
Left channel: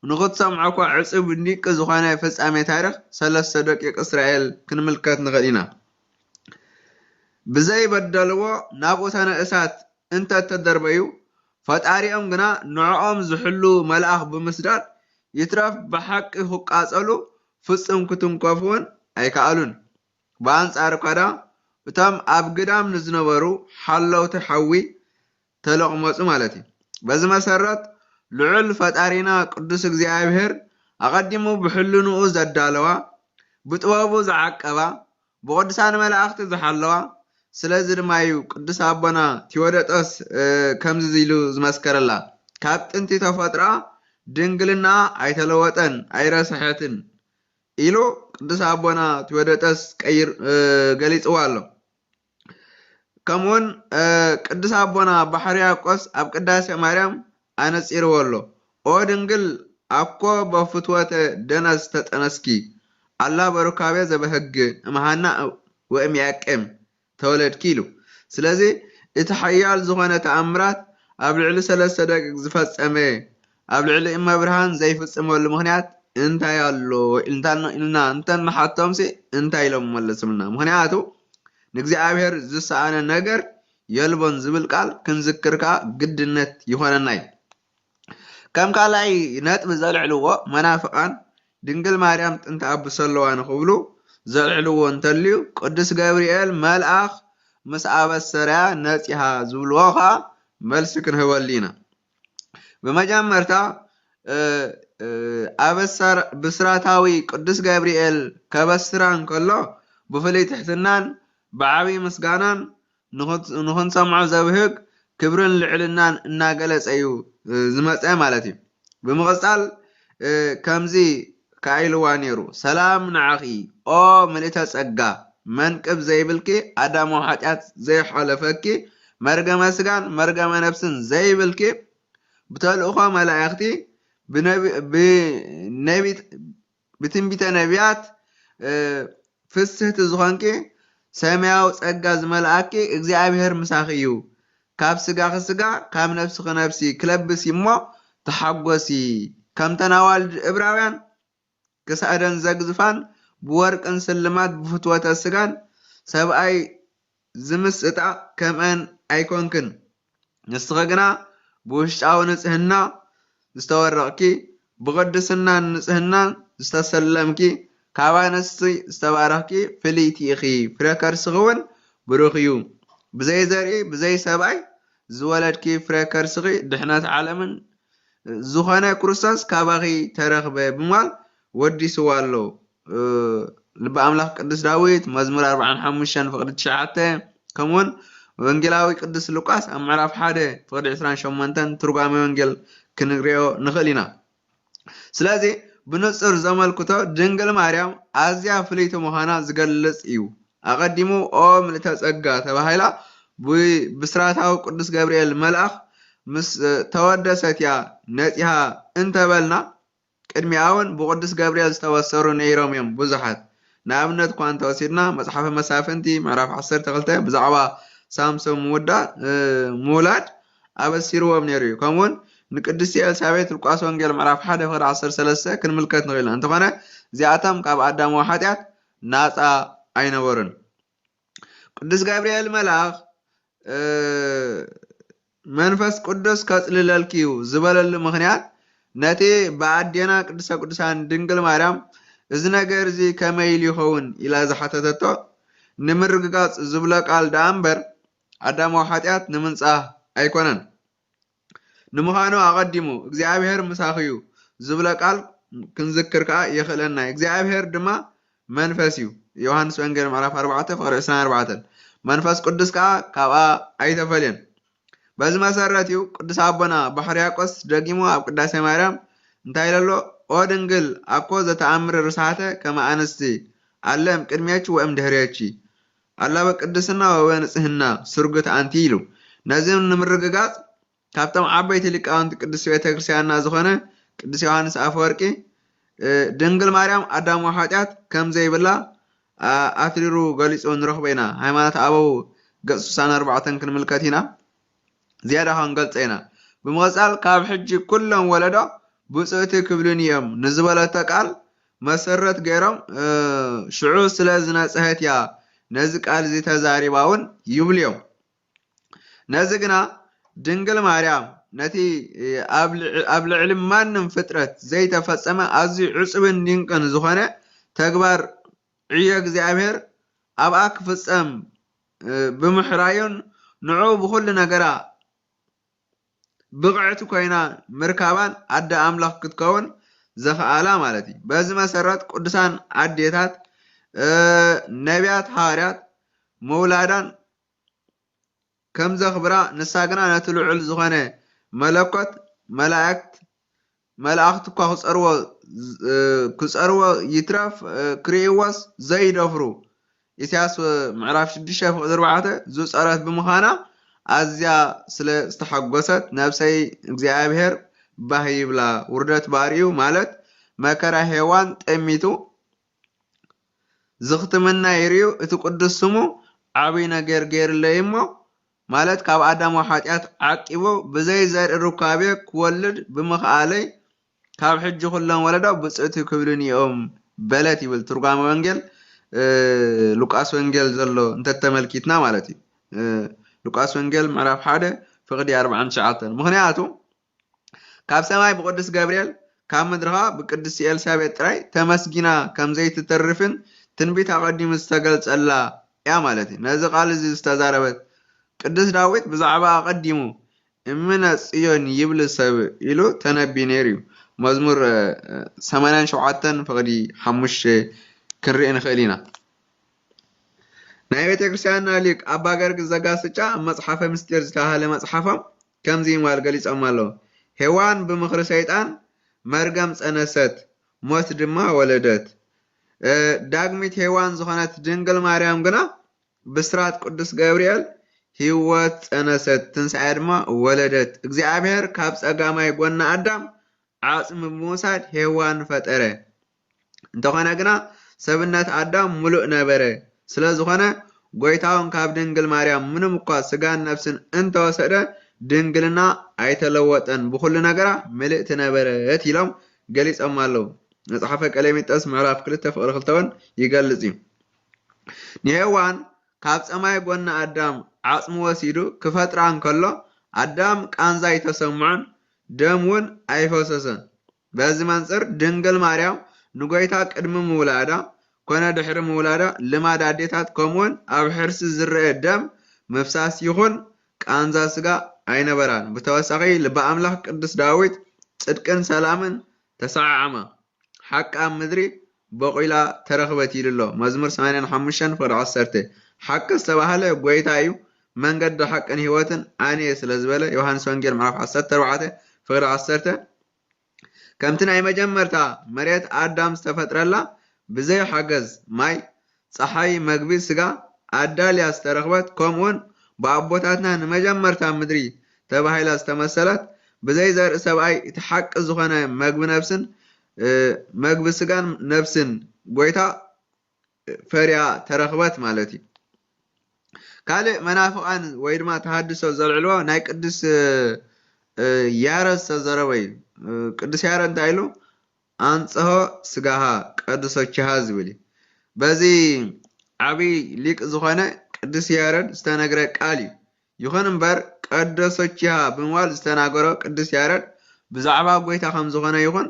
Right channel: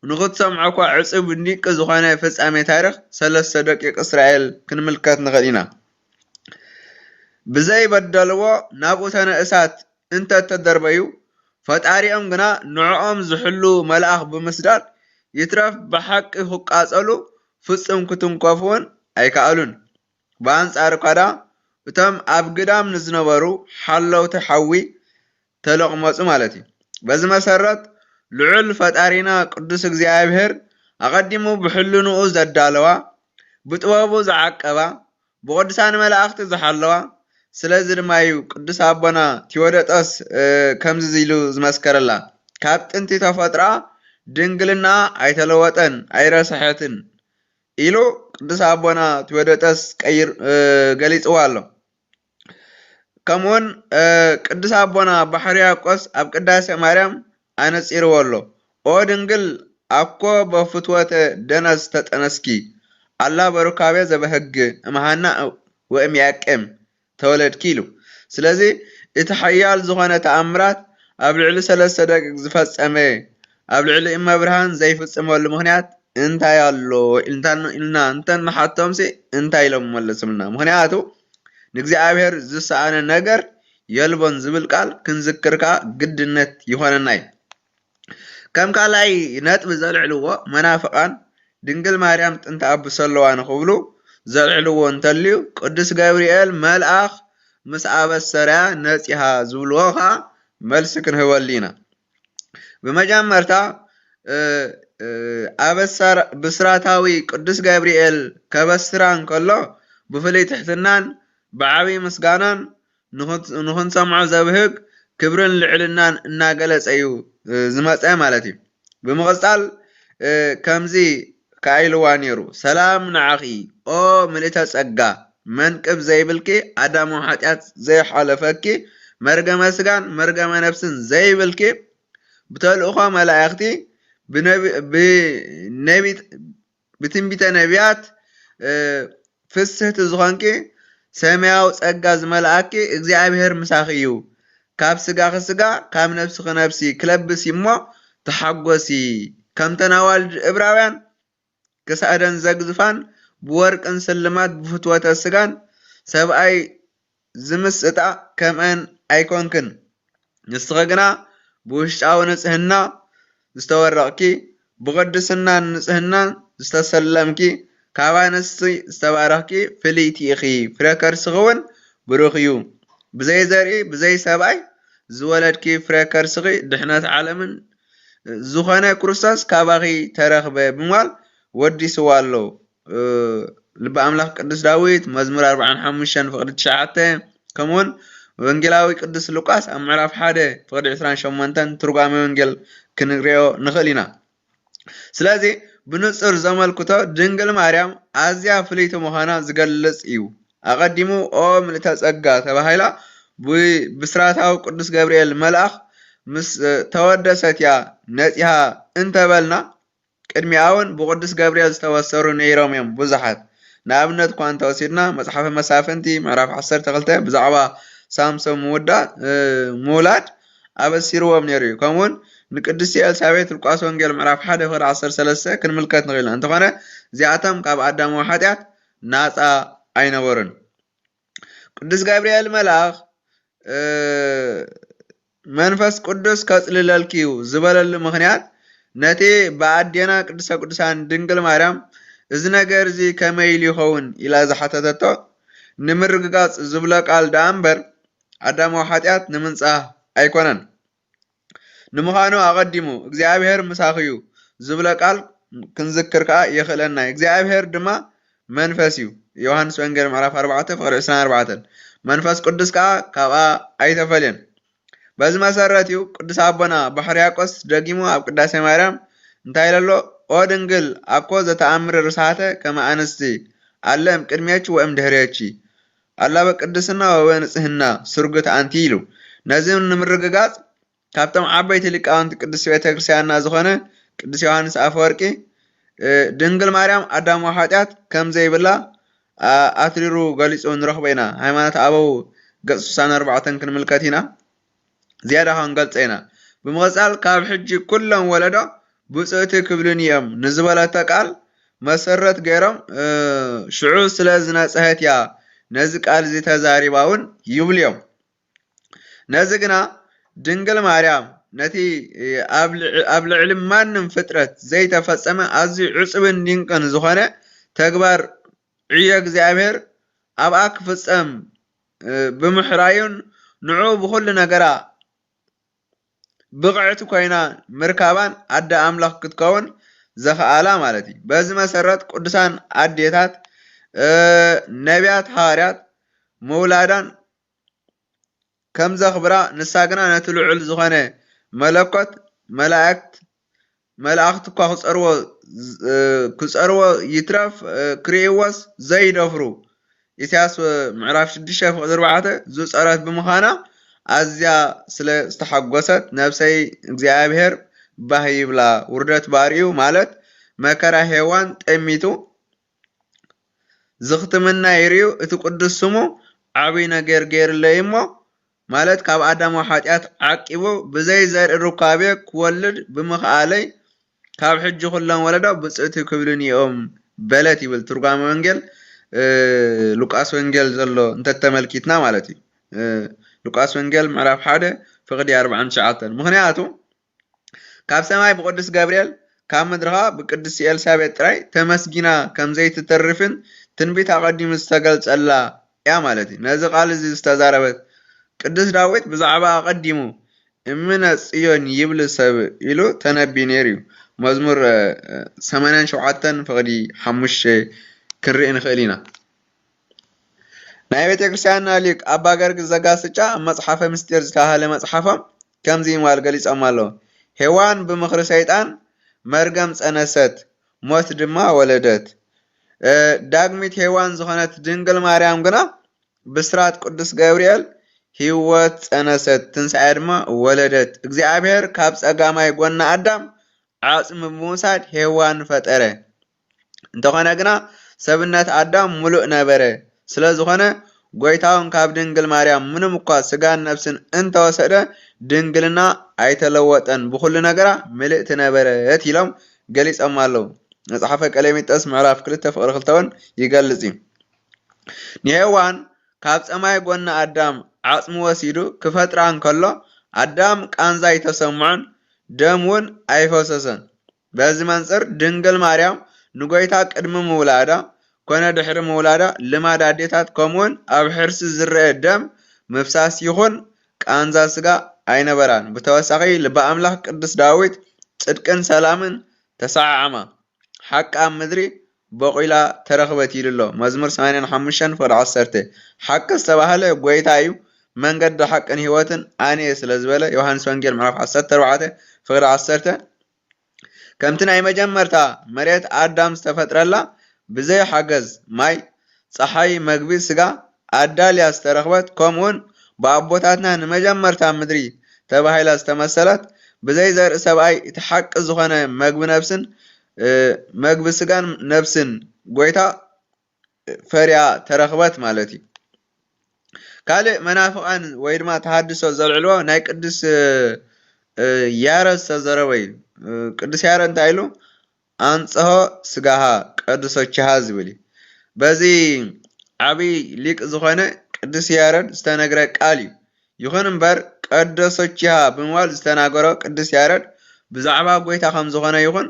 ንኽትሰምዖ እኳ ዕፅብ ኒቅ ዝኾነ ፍጻሜ ታሪክ 3 ደቂቅ እስራኤል ክንምልከት ንኽእል ኢና። ብዘይበደልዎ ናብኡ ተነእሳት እንተተደርበዩ ፈጣሪኦም ግና ንዕኦም ዝሕሉ መልኣኽ ብምስዳድ ይትረፍ ብሓቂ ክቃጸሉ ፍጹም ክትንከፉን ኣይከኣሉን። ብኣንጻር ካዳ እቶም ኣብ ግዳም ንዝነበሩ ሓለውቲ ሓዊ ተለቕመፁ ማለት እዩ። በዚ መሰረት ልዑል ፈጣሪና ቅዱስ እግዚአብሔር ኣቐዲሙ ብሕልንኡ ዘዳለዋ ብጥበቡ ዝዓቀባ ብቅዱሳን መላእኽቲ ዝሓለዋ ስለዚ ድማ እዩ ቅዱስ ኣቦና ቴዎዶጦስ ከምዚ ኢሉ ዝመስከረላ ካብ ጥንቲ ተፈጥራ ድንግልና ኣይተለወጠን ኣይረስሐትን ኢሉ ቅዱስ ኣቦና ቴዎዶጦስ ገሊጽዋ ኣሎ። ከምኡውን ቅዱስ ኣቦና ባሕርያቆስ ኣብ ቅዳሴ ማርያም ኣነጺርዎ ኣሎ። ኦ ድንግል ኣኮ በፍትወተ ደነስ ተጠነስኪ ኣላ በሩካቤ ዘበህግ እምሃና ወእምያቄም ተወለድኪ ኢሉ ስለዚ እቲ ሓያል ዝኾነ ተኣምራት ኣብ ልዕሊ 3 ደቂቕ ዝፈጸመ ኣብ ልዕሊ እመብርሃን ዘይፍጽመሉ ምኽንያት እንታይ ኣሎ ኢልና እንተንሓቶምሲ እንታይ ኢሎም መለስምልና ምኽንያቱ ንእግዚአብሔር ዝሰኣነ ነገር የልቦን ዝብል ቃል ክንዝክርካ ግድነት ይኾነና እዩ ከም ካልኣይ ነጥቢ ዘልዕልዎ መናፍቃን ድንግል ማርያም ጥንቲ ኣቡስ ኣለዋ ንኽብሉ ዘልዕልዎ እንተልዩ ቅዱስ ገብርኤል መልኣኽ ምስ ኣበሰረያ ነፂሃ ዝብልዎ ከዓ መልሲ ክንህበሉ ኢና ብመጀመርታ ብስራታዊ ቅዱስ ገብርኤል ከበስራ እንከሎ ብፍሉይ ትሕትናን ብዓብዪ ምስጋናን ንኽንሰምዖ ዘብህግ ክብርን ልዕልናን እናገለጸ እዩ ዝመፀ ማለት እዩ ብምቕፃል ከምዚ ካኢልዋ ነይሩ ሰላም ንዓኺ ኦ ምልእተ ጸጋ መንቅብ ዘይብልኪ ኣዳማዊ ኃጢአት ዘይሓለፈኪ መርገመ ስጋን መርገመ ነፍስን ዘይብልኪ ብተልእኾ መላእኽቲ ብትንቢተ ነቢያት ፍስህቲ ዝኾንኪ ሰማያዊ ጸጋ ዝመልአኪ እግዚአብሔር ምሳኺ እዩ ካብ ስጋ ክስጋ ካብ ነፍሲ ክነፍሲ ክለብስ እሞ ተሓጐሲ ከም ተናዋልድ ዕብራውያን ክሳደን ዘግዝፋን ብወርቅን ስልማት ብፍትወተ ስጋን ሰብኣይ ዝምስጣ ከምአን ኣይኮንክን ንስኸ ግና ብውሽጣዊ ንጽህና ዝተወረቕኪ ብቅድስናን ንጽህናን ዝተሰለምኪ ካብ ኣንስቲ ዝተባረኽኪ ፍልይቲ ኢኺ ፍረ ከርስኺ እውን ብሩኽ እዩ ብዘይ ዘርኢ ብዘይ ሰብኣይ ዝወለድኪ ፍረ ከርስኺ ድሕነት ዓለምን ዝኾነ ክርስቶስ ካባኺ ተረኽበ ብምባል ወዲስዋ ኣሎ ልበ ኣምላኽ ቅዱስ ዳዊት መዝሙር 45 ፍቕዲ 9 ከምኡውን ወንጌላዊ ቅዱስ ሉቃስ ኣብ ምዕራፍ 1 ፍቕዲ 28 ትርጓሜ ወንጌል ክንሪኦ ንኽእል ኢና ስለዚ ብንጹር ዘመልክቶ ድንግል ማርያም ኣዝያ ፍልይቲ ምዃና ዝገልጽ እዩ ኣቐዲሙ ኦ ምልእተ ጸጋ ተባሂላ ብስራታዊ ቅዱስ ገብርኤል መልኣኽ ምስ ተወደሰት እያ ነፂሃ እንተበልና ቅድሚኣ እውን ብቅዱስ ገብርኤል ዝተወሰሩ ነይሮም እዮም ብዙሓት ንኣብነት እኳ እንተወሲድና መጽሓፈ መሳፍንቲ ምዕራፍ 12 ብዛዕባ ሳምሶን ምውላድ ኣበሲርዎም ነይሩ እዩ ከምኡውን ንቅድስቲ ኤልሳቤጥ ሉቃስ ወንጌል ምዕራፍ 1 ፍቕዲ 13 ክንምልከት ንኽእል ኢና እንተኾነ እዚኣቶም ካብ ኣዳማዊ ኃጢአት ናፃ ኣይነበሩን ቅዱስ ገብርኤል መልኣኽ መንፈስ ቅዱስ ከጽልለልኪ እዩ ዝበለሉ ምኽንያት ነቲ ብኣዴና ቅድስተ ቅዱሳን ድንግል ማርያም እዚ ነገር እዚ ከመይ ኢሉ ይኸውን ኢላ ዝሓተተቶ ንምርግጋጽ ዝብሎ ቃል ዳኣ እምበር ኣዳማዊ ኃጢአት ንምንጻህ ኣይኮነን ንምዃኑ ኣቐዲሙ እግዚአብሔር ምሳኺ እዩ ዝብሎ ቃል ክንዝክር ከዓ የኽእለና እግዚአብሔር ድማ መንፈስ እዩ ዮሐንስ ወንጌል ምዕራፍ 4 ፍቕዲ 24 መንፈስ ቅዱስ ከዓ ካብኣ ኣይተፈልየን በዚ መሰረት እዩ ቅዱስ ኣቦና ባሕርያቆስ ደጊሙ ኣብ ቅዳሴ ማርያም እንታይ ኢለሎ ኦ ድንግል ኣኮ ዘተኣምር ርሳተ ከመ ኣንስቲ ኣለም ቅድሜች ወእም ድሕሬች ኣላ በቅድስና ወበንጽህና ስርጉት ኣንቲ ኢሉ ነዚ ንምርግጋጽ ካብቶም ዓበይቲ ሊቃውንቲ ቅዱስ ቤተ ክርስቲያንና ዝኾነ ቅዱስ ዮሐንስ ኣፈወርቂ ድንግል ማርያም ኣዳማዊ ኃጢአት ከም ዘይብላ ኣትሪሩ ገሊጹ ንረኽቦ ኢና ሃይማኖት ኣበው ገጽ 64 ክንምልከት ኢና ዝያዳ ክንገልጸ ኢና ብምቕጻል ካብ ሕጂ ኩሎም ወለዶ ብፅእቲ ክብሉን እዮም ንዝበለተ ቃል መሰረት ገይሮም ሽዑ ስለ ዝነጽሀት እያ ነዚ ቃል እዚ ተዛሪባ እውን ይብሉ እዮም ነዚ ግና ድንግል ማርያም ነቲ ኣብ ልዕሊ ማንም ፍጥረት ዘይተፈጸመ ኣዝዩ ዕጹብን ድንቅን ዝኾነ ተግባር ዕዮ እግዚአብሔር ኣብኣ ክፍጸም ብምሕራዩን ንዑ ብኩሉ ነገራ ብቕዕቲ ኮይና ምርካባን ኣደ ኣምላኽ ክትከውን ዘኽኣላ ማለት እዩ በዚ መሰረት ቅዱሳን ኣዴታት ነቢያት ሐዋርያት መውላዳን ከም ዘኽብራ ንሳ ግና ነቲ ልዑል ዝኾነ መለኮት መላእክት እኳ ክጸርዎ ይትረፍ ክርእይዎስ ዘይደፍሩ ኢሳያስ ምዕራፍ 6 ፍቕዲ 4 ዝጸረት ብምዃና ኣዝያ ስለ ዝተሓጐሰት ነብሰይ እግዚአብሔር ባህ ይብላ ውርደት ባርዩ ማለት መከራ ሔዋን ጠሚቱ ዝኽትምና ይርዩ እቲ ቅዱስ ስሙ عبي نجر جير ليمو مالت كاب آدم وحاتيات عقبو بزي زر الركابي كولد بمخالي كاب حج كلهم ولدا بصيت كبرني بلتي بالترجمة وانجل لوكاس وانجل زلو انت تملكيتنا مالتي لوكاس وانجل معرف حدا فقدي 40 شعاتن مغنياتو كاب سماي بقدس جابريل كاب مدرها بقدس إلسابيت تراي تمسجنا كم زي تترفن تنبيت أقدم استقلت الله يا مالتي نازق على زي استزاربت قدس داويت بزعبا أقدمو إمنا صيون يبل سب إلو تنبي نيريو مزمور 8 شعاتن فقدي حمش كرئن خلينا ናይ ቤተ ክርስቲያንና ሊቅ ኣባ ገርግ ዘጋስጫ መጽሓፈ ምስጢር ዝተባሃለ መጽሓፎም ከምዚ ኢማል ገሊፆም ኣለዉ ሔዋን ብምኽሪ ሰይጣን መርገም ጸነሰት ሞት ድማ ወለደት ዳግሚት ሔዋን ዝኾነት ድንግል ማርያም ግና ብስራት ቅዱስ ገብርኤል ህይወት ጸነሰት ትንሣኤ ድማ ወለደት እግዚአብሔር ካብ ጸጋማይ ጎና ኣዳም ዓጽሚ ብምውሳድ ሔዋን ፈጠረ እንተኾነ ግና ሰብነት ኣዳም ሙሉእ ነበረ ስለዝኾነ ጎይታውን ካብ ድንግል ማርያም ምንም እኳ ስጋን ነፍስን እንተወሰደ ድንግልና ኣይተለወጠን ብኩሉ ነገራ ምልእቲ ነበረት ኢሎም ገሊፆም ኣለዉ መጽሓፈ ቀሌምንጦስ ምዕራፍ 2 ፍቅሪ 2 ይገልጽ ንሔዋን ካብ ጸማይ ጎና ኣዳም ዓጽሚ ወሲዱ ክፈጥራ እንከሎ ኣዳም ቃንዛ ኣይተሰምዖን ደም እውን ኣይፈሰሰን በዚ መንጽር ድንግል ማርያም ንጎይታ ቅድሚ ምውላዳ ኮነ ድሕሪ ምውላዳ ልማድ ኣዴታት ከምኡውን ኣብ ሕርሲ ዝርአ ደም ምፍሳስ ይኹን ቃንዛ ስጋ ኣይነበራን ብተወሳኺ ልበ ኣምላኽ ቅዱስ ዳዊት ጽድቅን ሰላምን ተሰዓዓማ ሓቂ ኣብ ምድሪ በቂላ ተረኽበት ኢሉሎ መዝሙር 85 ፍቅሪ 10 ሓቂ ዝተባህለ ጎይታ እዩ መንገዲ ሓቅን ህይወትን ኣነ ስለ ዝበለ ዮሃንስ ወንጌል ምዕራፍ 14 ፍቅሪ 10 ከምቲ ናይ መጀመርታ መሬት ኣዳም ዝተፈጥረላ ብዘይ ሓገዝ ማይ ፀሓይ መግቢ ስጋ ኣዳልያ ዝተረኽበት ከምኡውን ብኣቦታትና ንመጀመርታ ምድሪ ተባሂላ ዝተመሰለት ብዘይ ዘርኢ ሰብኣይ እቲ ሓቂ ዝኾነ መግቢ ነፍስን መግቢ ስጋን ነፍስን ጎይታ ፈርያ ተረኽበት ማለት እዩ ካልእ መናፍቃን ወይ ድማ ተሃድሶ ዘልዕልዎ ናይ ቅዱስ ያሬድ ዝተዘረበ እዩ ቅዱስ ያሬድ እንታይ ኢሉ አንጽሖ ስጋሃ ቀድሶችሃ ዝብል በዚ ዓብይ ሊቅ ዝኾነ ቅዱስ ያሬድ ዝተነግረ ቃል እዩ ይኹን እምበር ቀድሶችሃ ብምባል ዝተናገሮ ቅዱስ ያሬድ ብዛዕባ ጎይታ ከም ዝኾነ ይኹን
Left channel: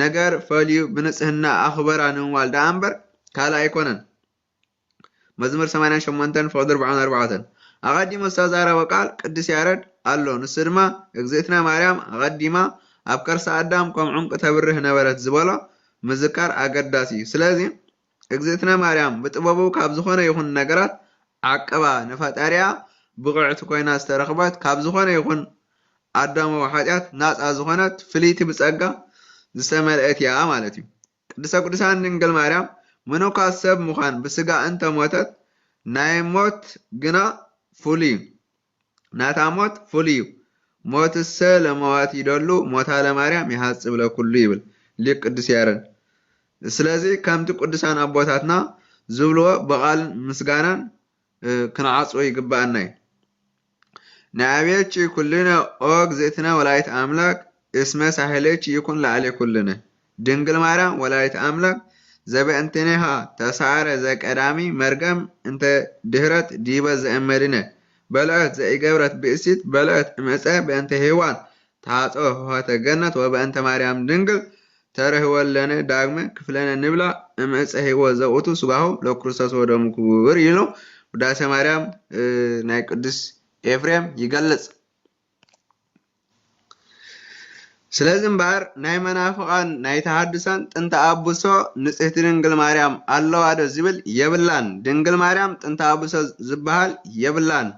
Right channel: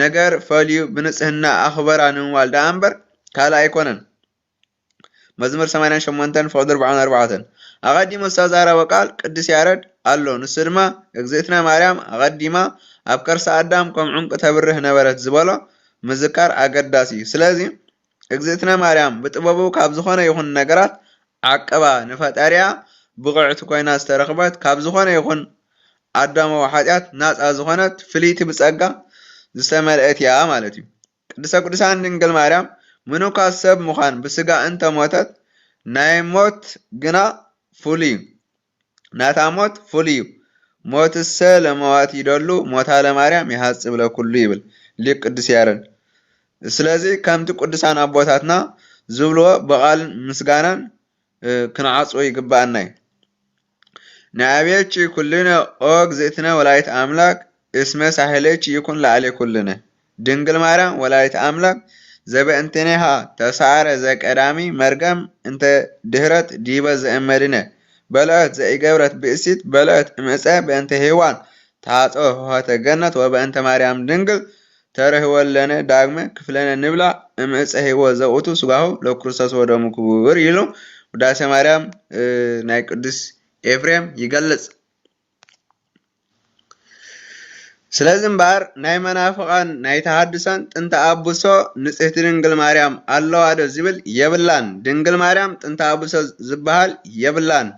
ነገር ፈልዩ ብንጽህና ኣኽበራ ንምባል ዳኣ እምበር ካልእ ኣይኮነን መዝሙር 88 ፍቅሪ 44 ኣቐዲሙ ዝተዛረበ ቃል ቅዱስ ያሬድ ኣሎ ንሱ ድማ እግዝእትነ ማርያም ኣቐዲማ ኣብ ከርሰ ኣዳም ከም ዑንቂ ተብርህ ነበረት ዝበሎ ምዝካር ኣገዳሲ እዩ ስለዚ እግዝእትነ ማርያም ብጥበቡ ካብ ዝኾነ ይኹን ነገራት ዓቀባ ንፈጣሪያ ብቕዕቲ ኮይና ዝተረኽበት ካብ ዝኾነ ይኹን ኣዳማዊ ሓጢኣት ናፃ ዝኾነት ፍልይቲ ብጸጋ ዝተመልአት እያ ማለት እዩ ቅድስተ ቅዱሳን ድንግል ማርያም ምኑኳት ሰብ ምዃን ብስጋ እንተሞተት ናይ ሞት ግና ፍሉይ ናታ ሞት ፍሉይ እዩ ሞትሰ ለመዋት ይደሉ ሞታ ለማርያም ይሃጽብ ለኩሉ ይብል ሊቅ ቅዱስ ያሬድ ስለዚ ከምቲ ቅዱሳን ኣቦታትና ዝብልዎ ብቓልን ምስጋናን ክንዓጽዎ ይግባአና እዩ ንኣብየች ኩልነ ኦ እግዝእትነ ወላዲተ ኣምላክ እስመ ሳህለች ይኩን ላዕሌ ኩልነ ድንግል ማርያም ወላዲተ ኣምላክ ዘበእንትኔሃ ተሳዕረ ዘቀዳሚ መርገም እንተ ድህረት ዲበ ዘእመድነ በልዐት ዘኢገብረት ብእሲት በልዐት እምዕፀ በእንተ ሔዋን ተሃፀወ ሆኸተ ገነት ወበእንተ ማርያም ድንግል ተረህወለነ ዳግመ ክፍለነ ንብላ እምዕፀ ህይወት ዘውእቱ ስጋሁ ለክርስቶስ ወደሙ ክቡር ኢሉ ውዳሴ ማርያም ናይ ቅዱስ ኤፍሬም ይገልጽ ስለዚ እምበር ናይ መናፍቃን ናይ ተሃድሶን ጥንተ ኣቡሶ ንጽሕቲ ድንግል ማርያም ኣለዋ ዶ ዝብል የብላን ድንግል ማርያም ጥንተ ኣቡሶ ዝበሃል የብላን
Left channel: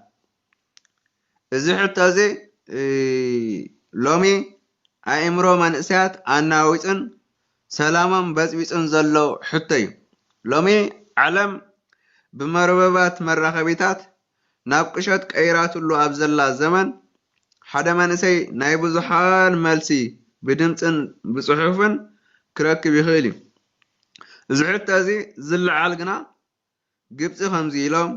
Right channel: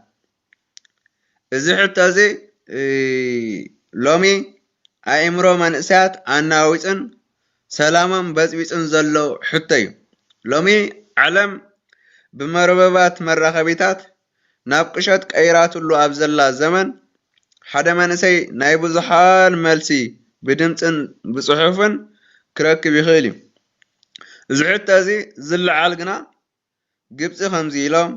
እዚ ሕቶ እዚ ሎሚ ኣእምሮ መንእሰያት ኣናዊፅን ሰላሞም በፅቢፅን ዘሎ ሕቶ እዩ ሎሚ ዓለም ብመርበባት መራኸቢታት ናብ ቅሸት ቀይራትሉ ኣብ ዘላ ዘመን ሓደ መንእሰይ ናይ ብዙሓን መልሲ ብድምፅን ብፅሑፍን ክረክብ ይኽእል እዩ እዚ ሕቶ እዚ ዝለዓል ግና ግብፂ ከምዚ ኢሎም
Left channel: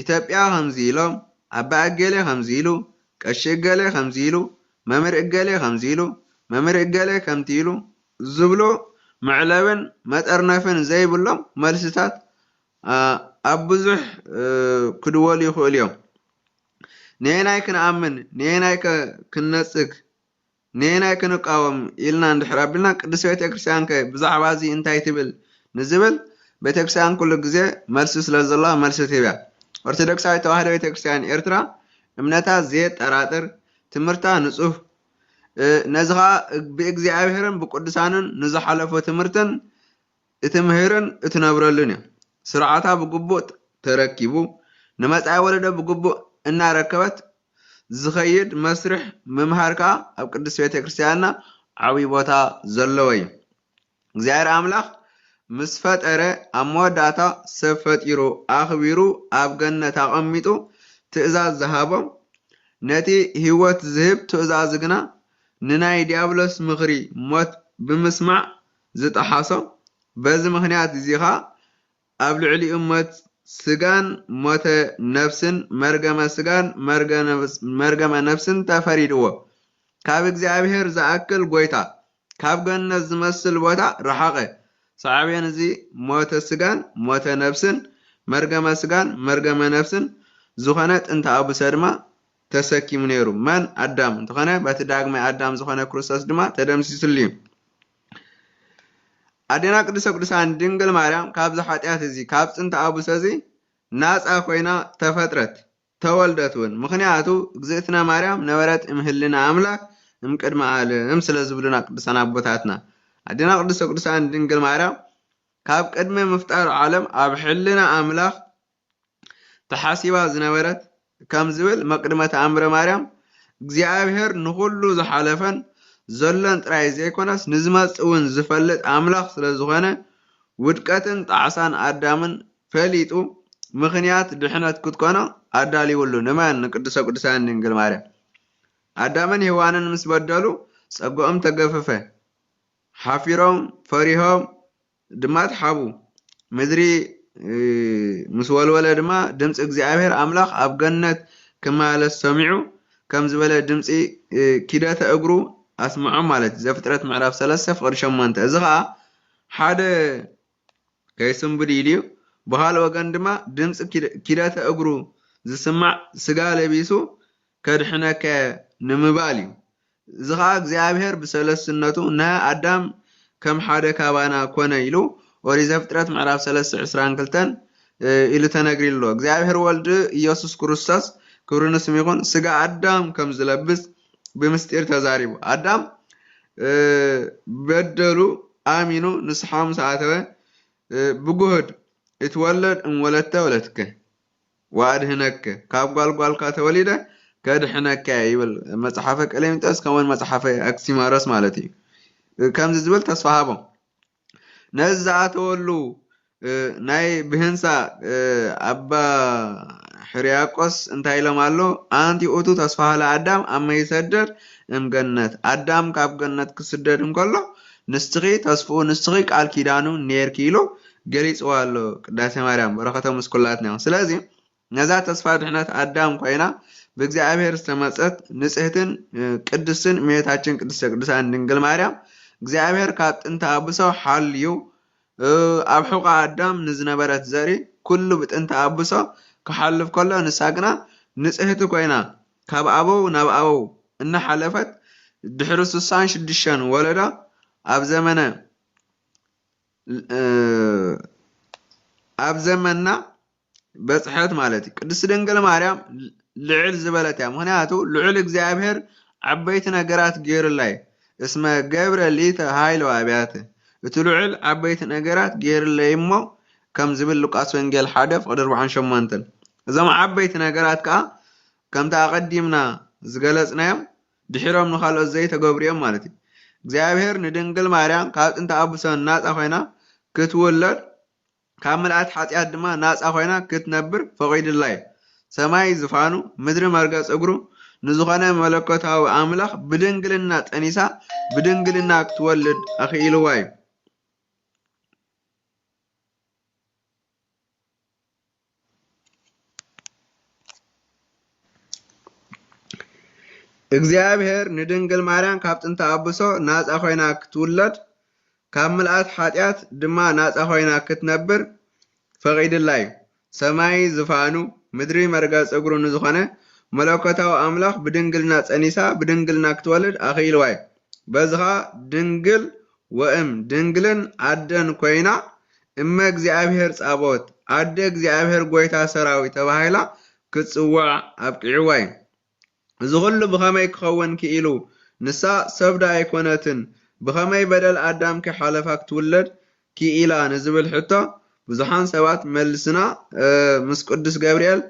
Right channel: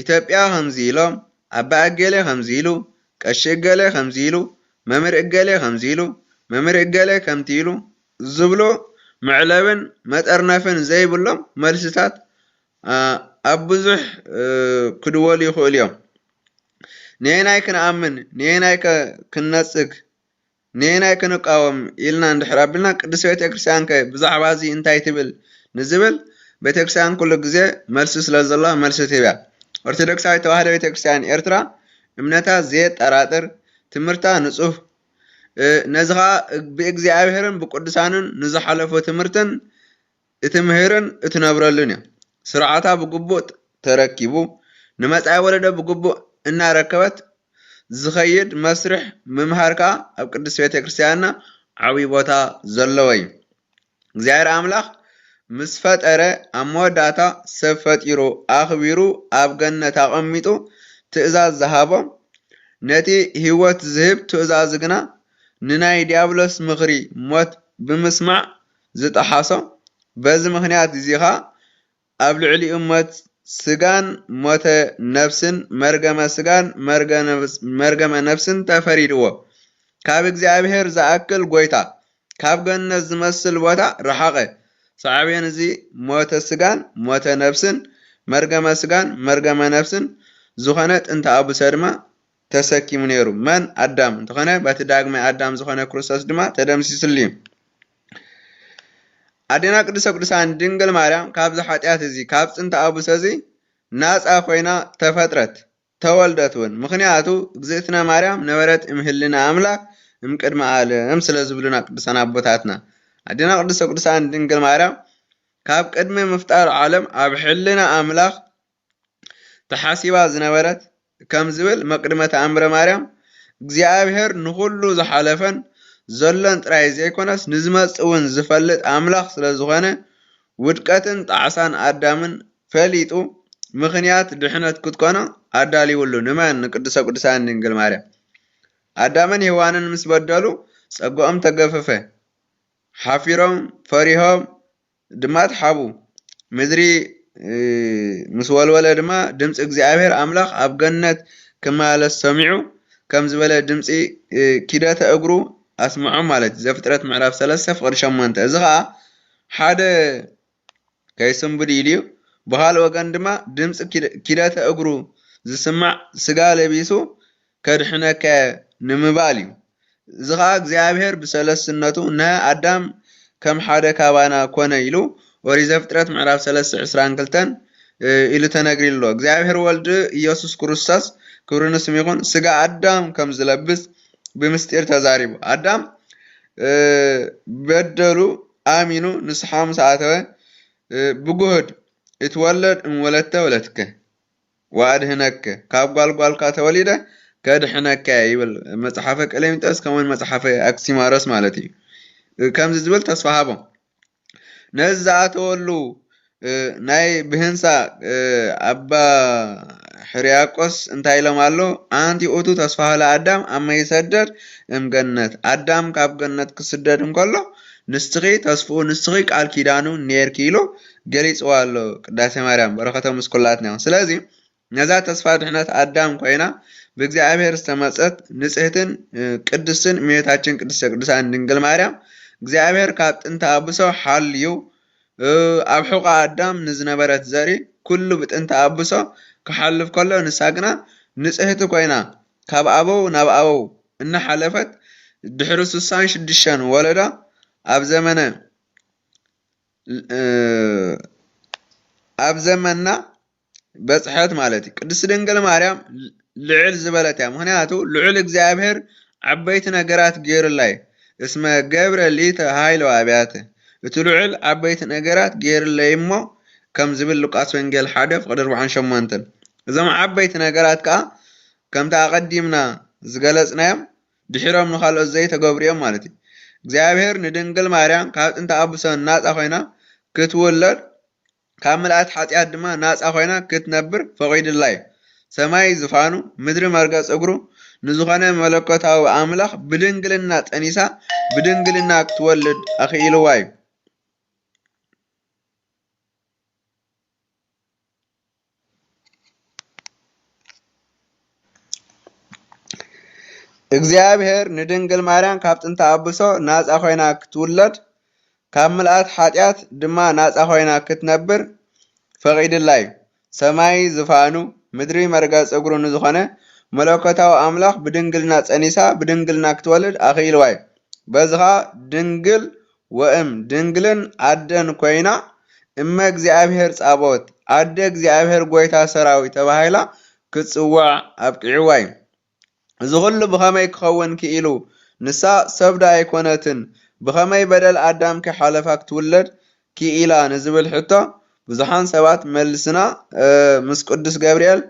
ኢትዮጵያ ከምዚኢሎም ኣባ እገሌ ከምዚኢሉ ቀሺ እገሌ ከምዚኢሉ መምህር እገሌ ከምዚኢሉ መምህር እገሌ ከምቲኢሉ ዝብሎ መዕለብን መጠርነፍን ዘይብሎም መልስታት ኣብ ብዙሕ ክድወሉ ይኽእሉ እዮም ንየናይ ክንኣምን ንየናይ ክንነፅግ ንየናይ ክንቃወም ኢልና እንድሕር ኣቢልና ቅዱስ ቤተክርስትያን ከ ብዛዕባ እዚ እንታይ ትብል ንዝብል ቤተክርስትያን ኩሉ ግዜ መልሲ ስለ ዘለዋ መልሲ ትህብ እያ ኦርቶዶክሳዊት ተዋህዶ ቤተክርስትያን ኤርትራ እምነታ ዘየጠራጥር ትምህርታ ንጹህ ነዚ ከዓ ብእግዚአብሔርን ብቅዱሳንን ንዝሓለፈ ትምህርትን እትምህርን እትነብረሉን እያ ስርዓታ ብግቡእ ተረኪቡ ንመጻኢ ወለዶ ብግቡእ እናረከበት ዝኸይድ መስርሕ ምምሃር ከዓ ኣብ ቅዱስ ቤተክርስትያንና ዓብይ ቦታ ዘለዎ እዩ እግዚአብሔር ኣምላኽ ምስ ፈጠረ ኣብ መወዳእታ ሰብ ፈጢሩ ኣኽቢሩ ኣብ ገነት ኣቐሚጡ ትእዛዝ ዝሃቦም ነቲ ህይወት ዝህብ ትእዛዝ ግና ንናይ ዲያብሎስ ምኽሪ ሞት ብምስማዕ ዝጠሓሶ በዚ ምክንያት እዚ ኸ ኣብ ልዕሊኡ ሞት ስጋን ሞተ ነፍስን መርገመ ስጋን መርገመ ነፍስን ተፈሪድዎ ካብ እግዚአብሔር ዝኣክል ጎይታ ካብ ገነት ዝመስል ቦታ ረሓቐ ሳዕብየን እዚ ሞተ ስጋን ሞተ ነፍስን መርገመ ስጋን መርገመ ነፍስን ዝኾነ ጥንተ ኣቡሰ ድማ ተሰኪሙ ነይሩ መን ኣዳም እንተኾነ በቲ ዳግማይ ኣዳም ዝኾነ ክርስቶስ ድማ ተደምሲሱሉ እዩ ኣዴና ቅድስተ ቅዱሳን ድንግል ማርያም ካብዚ ሓጢአት እዚ ካብ ጥንተ ኣቡሰ እዚ ናፃ ኮይና ተፈጥረት ተወልደት እውን ምክንያቱ እግዝእትነ ማርያም ነበረት እምህልና ኣምላክ እምቅድመ ዓለም ስለ ዝብሉና ቅዱሳን ኣቦታትና ኣዴና ቅድስተ ቅዱሳን ድንግል ማርያም ካብ ቅድሚ ምፍጣር ዓለም ኣብ ሕልና ኣምላኽ ተሓሲባ ዝነበረት ከም ዝብል መቅድመ ተኣምረ ማርያም እግዚአብሔር ንኩሉ ዝሓለፈን ዘሎን ጥራይ ዘይኮነስ ንዝመጽእ እውን ዝፈልጥ ኣምላኽ ስለ ዝኾነ ውድቀትን ጣዕሳን ኣዳምን ፈሊጡ ምክንያት ድሕነት ክትኮኖ ኣዳልይውሉ ንመን ንቅድስተ ቅዱሳን ድንግል ማርያም ኣዳምን ሔዋንን ምስ በደሉ ፀጎኦም ተገፈፈ ሓፊሮም ፈሪሆም ድማ ተሓቡ ምድሪ ምስ ወልወለ ድማ ድምፂ እግዚአብሔር ኣምላኽ ኣብ ገነት ክመላለስ ሰሚዑ ከም ዝበለ ድምፂ ኪደተ እግሩ ኣስምዖም ማለት ዘፍጥረት ምዕራፍ 3 ፍቅዲ 8 እዚ ከዓ ሓደ ከይስንብድ ኢሉ ብካልእ ወገን ድማ ድምፂ ኪደተ እግሩ ዝስማዕ ስጋ ለቢሱ ከድሕነከ ንምባል እዩ እዚ ከዓ እግዚአብሔር ብሰለስነቱ ንኣዳም ከም ሓደ ካባና ኮነ ኢሉ ኦሪት ዘፍጥረት ምዕራፍ 3:22 ኢሉ ተነግሪሎ እግዚአብሔር ወልድ ኢየሱስ ክርስቶስ ክብሩ ንስሙ ይኹን ስጋ ኣዳም ከም ዝለብስ ብምስጢር ተዛሪቡ ኣዳም በደሉ ኣሚኑ ንስሓ ምስ ኣተወ ብጉህድ እትወለድ እምወለተ ወለትከ ወኣድህነከ ካብ ጓልጓልካ ተወሊደ ከድሕነከ ይብል መጽሓፈ ቀሌምንጦስ ከምኡውን መጽሓፈ ኣክሲማሮስ ማለት እዩ ከምዚ ዝብል ተስፋ ሃቦም ነዚ ዝኣተወሉ ናይ ብህንሳ ኣባ ሕርያቆስ እንታይ ኢሎም ኣሎ ኣንቲ ኡቱ ተስፋሃለ ኣዳም ኣመ ይሰደድ እምገነት ኣዳም ካብ ገነት ክስደድ እንከሎ ንስኺ ተስፍኡ ንስኺ ቃል ኪዳኑ ነርኪ ኢሉ ገሊፅዋ ኣሎ ቅዳሴ ማርያም በረኸቶም ምስ ኩላትና ይኹን ስለዚ ነዛ ተስፋ ድሕነት ኣዳም ኮይና ብእግዚአብሔር ዝተመፀት ንጽህትን ቅድስትን እመቤታችን ቅድስተ ቅዱሳን ድንግል ማርያም እግዚአብሔር ካብ ጥንተ ኣቡሶ ሓልዩ ኣብ ሕቆ ኣዳም ንዝነበረት ዘሪ ኩሉ ብጥንተ ኣቡሶ ክሓልፍ ከሎ ንሳ ግና ንጽህቲ ኮይና ካብ ኣበው ናብ ኣበው እናሓለፈት ድሕሪ 66 ወለዳ ኣብ ዘመንና በጽሐት ማለት እዩ ቅድስት ድንግል ማርያም ልዕል ዝበለት እያ ምክንያቱ ልዑል እግዚአብሔር ዓበይቲ ነገራት ገይሩላይ እስመ ገብረ ሊተ ሃይሎ ኣብያተ እቲ ልዑል ዓበይቲ ነገራት ገይሩለይ እሞ ከም ዝብል ሉቃስ ወንጌል 1:48 እዞም ዓበይቲ ነገራት ከዓ ከምታ ኣቀዲምና ዝገለጽናዮም ድሕሮም ንኻልኦት ዘይተገብሩ እዮም ማለት እዩ እግዚአብሔር ንድንግል ማርያም ካብ ጥንተ ኣቡሶ ናፃ ኮይና ክትውለድ ካብ ምልኣት ሓጢአት ድማ ናፃ ኮይና ክትነብር ፈቂድላ እዩ ሰማይ ዝፋኑ ምድሪ መርገፅ እግሩ ንዝኾነ መለኮታዊ ኣምላኽ ብድንግልና ጠኒሳ ብድንግልና ክትወልድ ኣኽኢልዋ እዩ እግዚአብሔር ንድንግል ማርያም ካብ ጥንተ አብሶ ናፃ ኮይና ክትውለድ ካብ ምልአት ሓጢአት ድማ ናፃ ኮይና ክትነብር ፈቂድላ እዩ። ሰማይ ዝፋኑ ምድሪ መርገፂ እግሩ ንዝኾነ መለኮታዊ አምላኽ ብድንግልና ፀኒሳ ብድንግልና ክትወልድ አኽኢልዋ እዩ። በዝኻ ድንግል ወእም ድንግልን አደን ኮይና እመ እግዚአብሔር ጻቦት አደ እግዚአብሔር ጎይታ ሰራዊት ተባሂላ ክትፅዋዕ አብቂዕዋ እዩ። እዚ ኩሉ ብኸመይ ክኸውን ክኢሉ ንሳ ሰብዳ ኣይኮነትን ብኸመይ በደል አዳም ከይሓለፋ ክትውለድ ክኢላ ንዝብል ሕቶ ብዙሓን ሰባት መልስና ምስ ቅዱስ ገብርኤል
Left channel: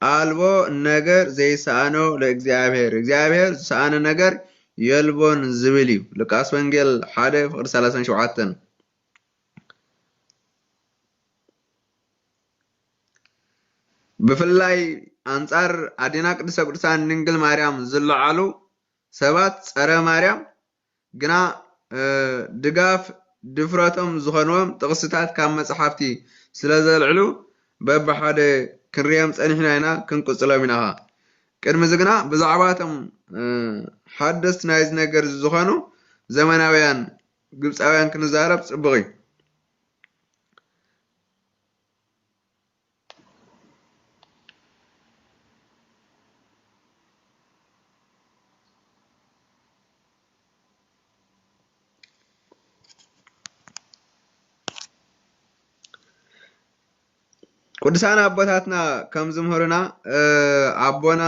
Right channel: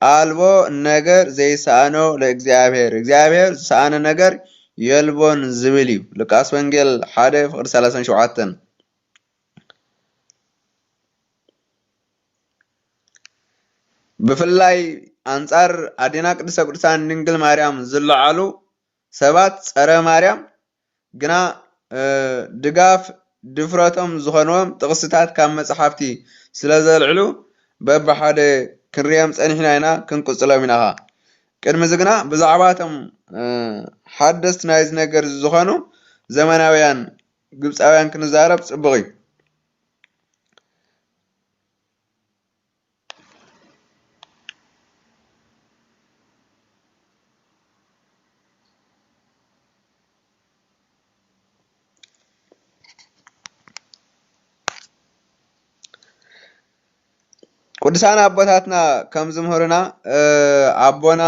አልቦ ነገር ዘይሰአኖ ለእግዚአብሔር እግዚአብሔር ዝሰአነ ነገር የልቦን ዝብል እዩ። ሉቃስ ወንጌል 1:37 ብፍላይ አንጻር አዴና ቅድስተ ቅዱሳን ድንግል ማርያም ዝለዓሉ ሰባት ፀረ ማርያም ግና ድጋፍ ድፍረቶም ዝኾንዎም ጥቕስታት ካብ መፅሓፍቲ ስለ ዘልዕሉ በብሓደ ክንሪኦም ፀኒሕና ኢና ክንቅፅሎም ኢና። ቅድሚ እዚ ግና ብዛዕባ እቶም ሓደስቲ ናይዚ ነገር ዝኾኑ ዘመናውያን ግብፃውያን ክንዛረብ ፅቡቅ እዩ። ቅዱሳን አቦታትና ከም ዝምህሩና አቦና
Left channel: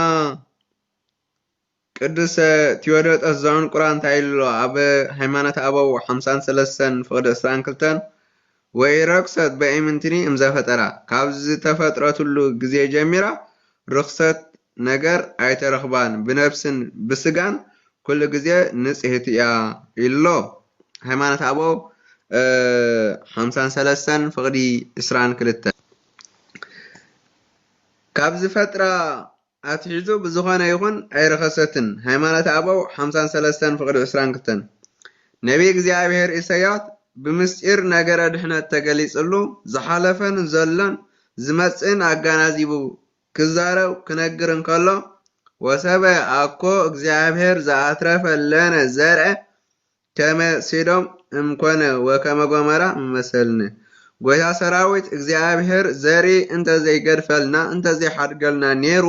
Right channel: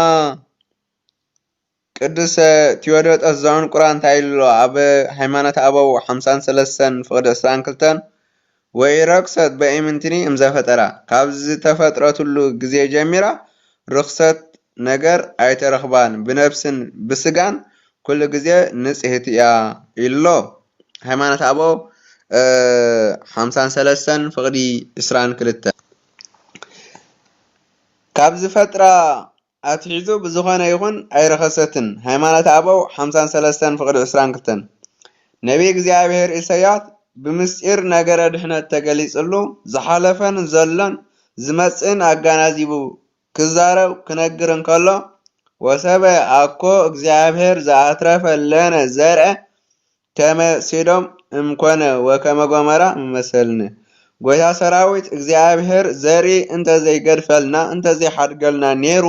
ቅዱስ ቴዎዶጦስ ዘዕንቁራ እንታይ ኢሉ ኣብ ሃይማኖት አበው 53:22 ወይ ረክሰት በኢምንትኒ እምዘፈጠራ ካብ ዝተፈጥረትሉ ግዜ ጀሚራ ርክሰት ነገር ኣይተረኽባን ብነብስን ብስጋን ኩሉ ግዜ ንጽሕቲ እያ ኢሎ ሃይማኖት አበው 53:22 ካብ ዝፈጥራ አትሒዙ ብዝኾነ ይኹን ኣይረኸሰትን ሃይማኖት አበው 53:22 ነቢይ እግዚአብሔር ኢሳያስ ብምስጢር ነገረ ድሕነት ተገሊጽሉ ዝሓለፈን ዘሎን ዝመጽእን አጋናዚቡ ክዛረብ ክነግር እንከሎ ወሰበ አኮ እግዚአብሔር ዘአትረፈ ለነ ዘርአ ከመ ሶዶም እምኮነ ወከመ ጎሞራ መሰልኒ ጎይታ ሰራዊት እግዚአብሔር ዘርኢ እንተዘይገድፈልና እንተዘይሓድገልና ኔሩ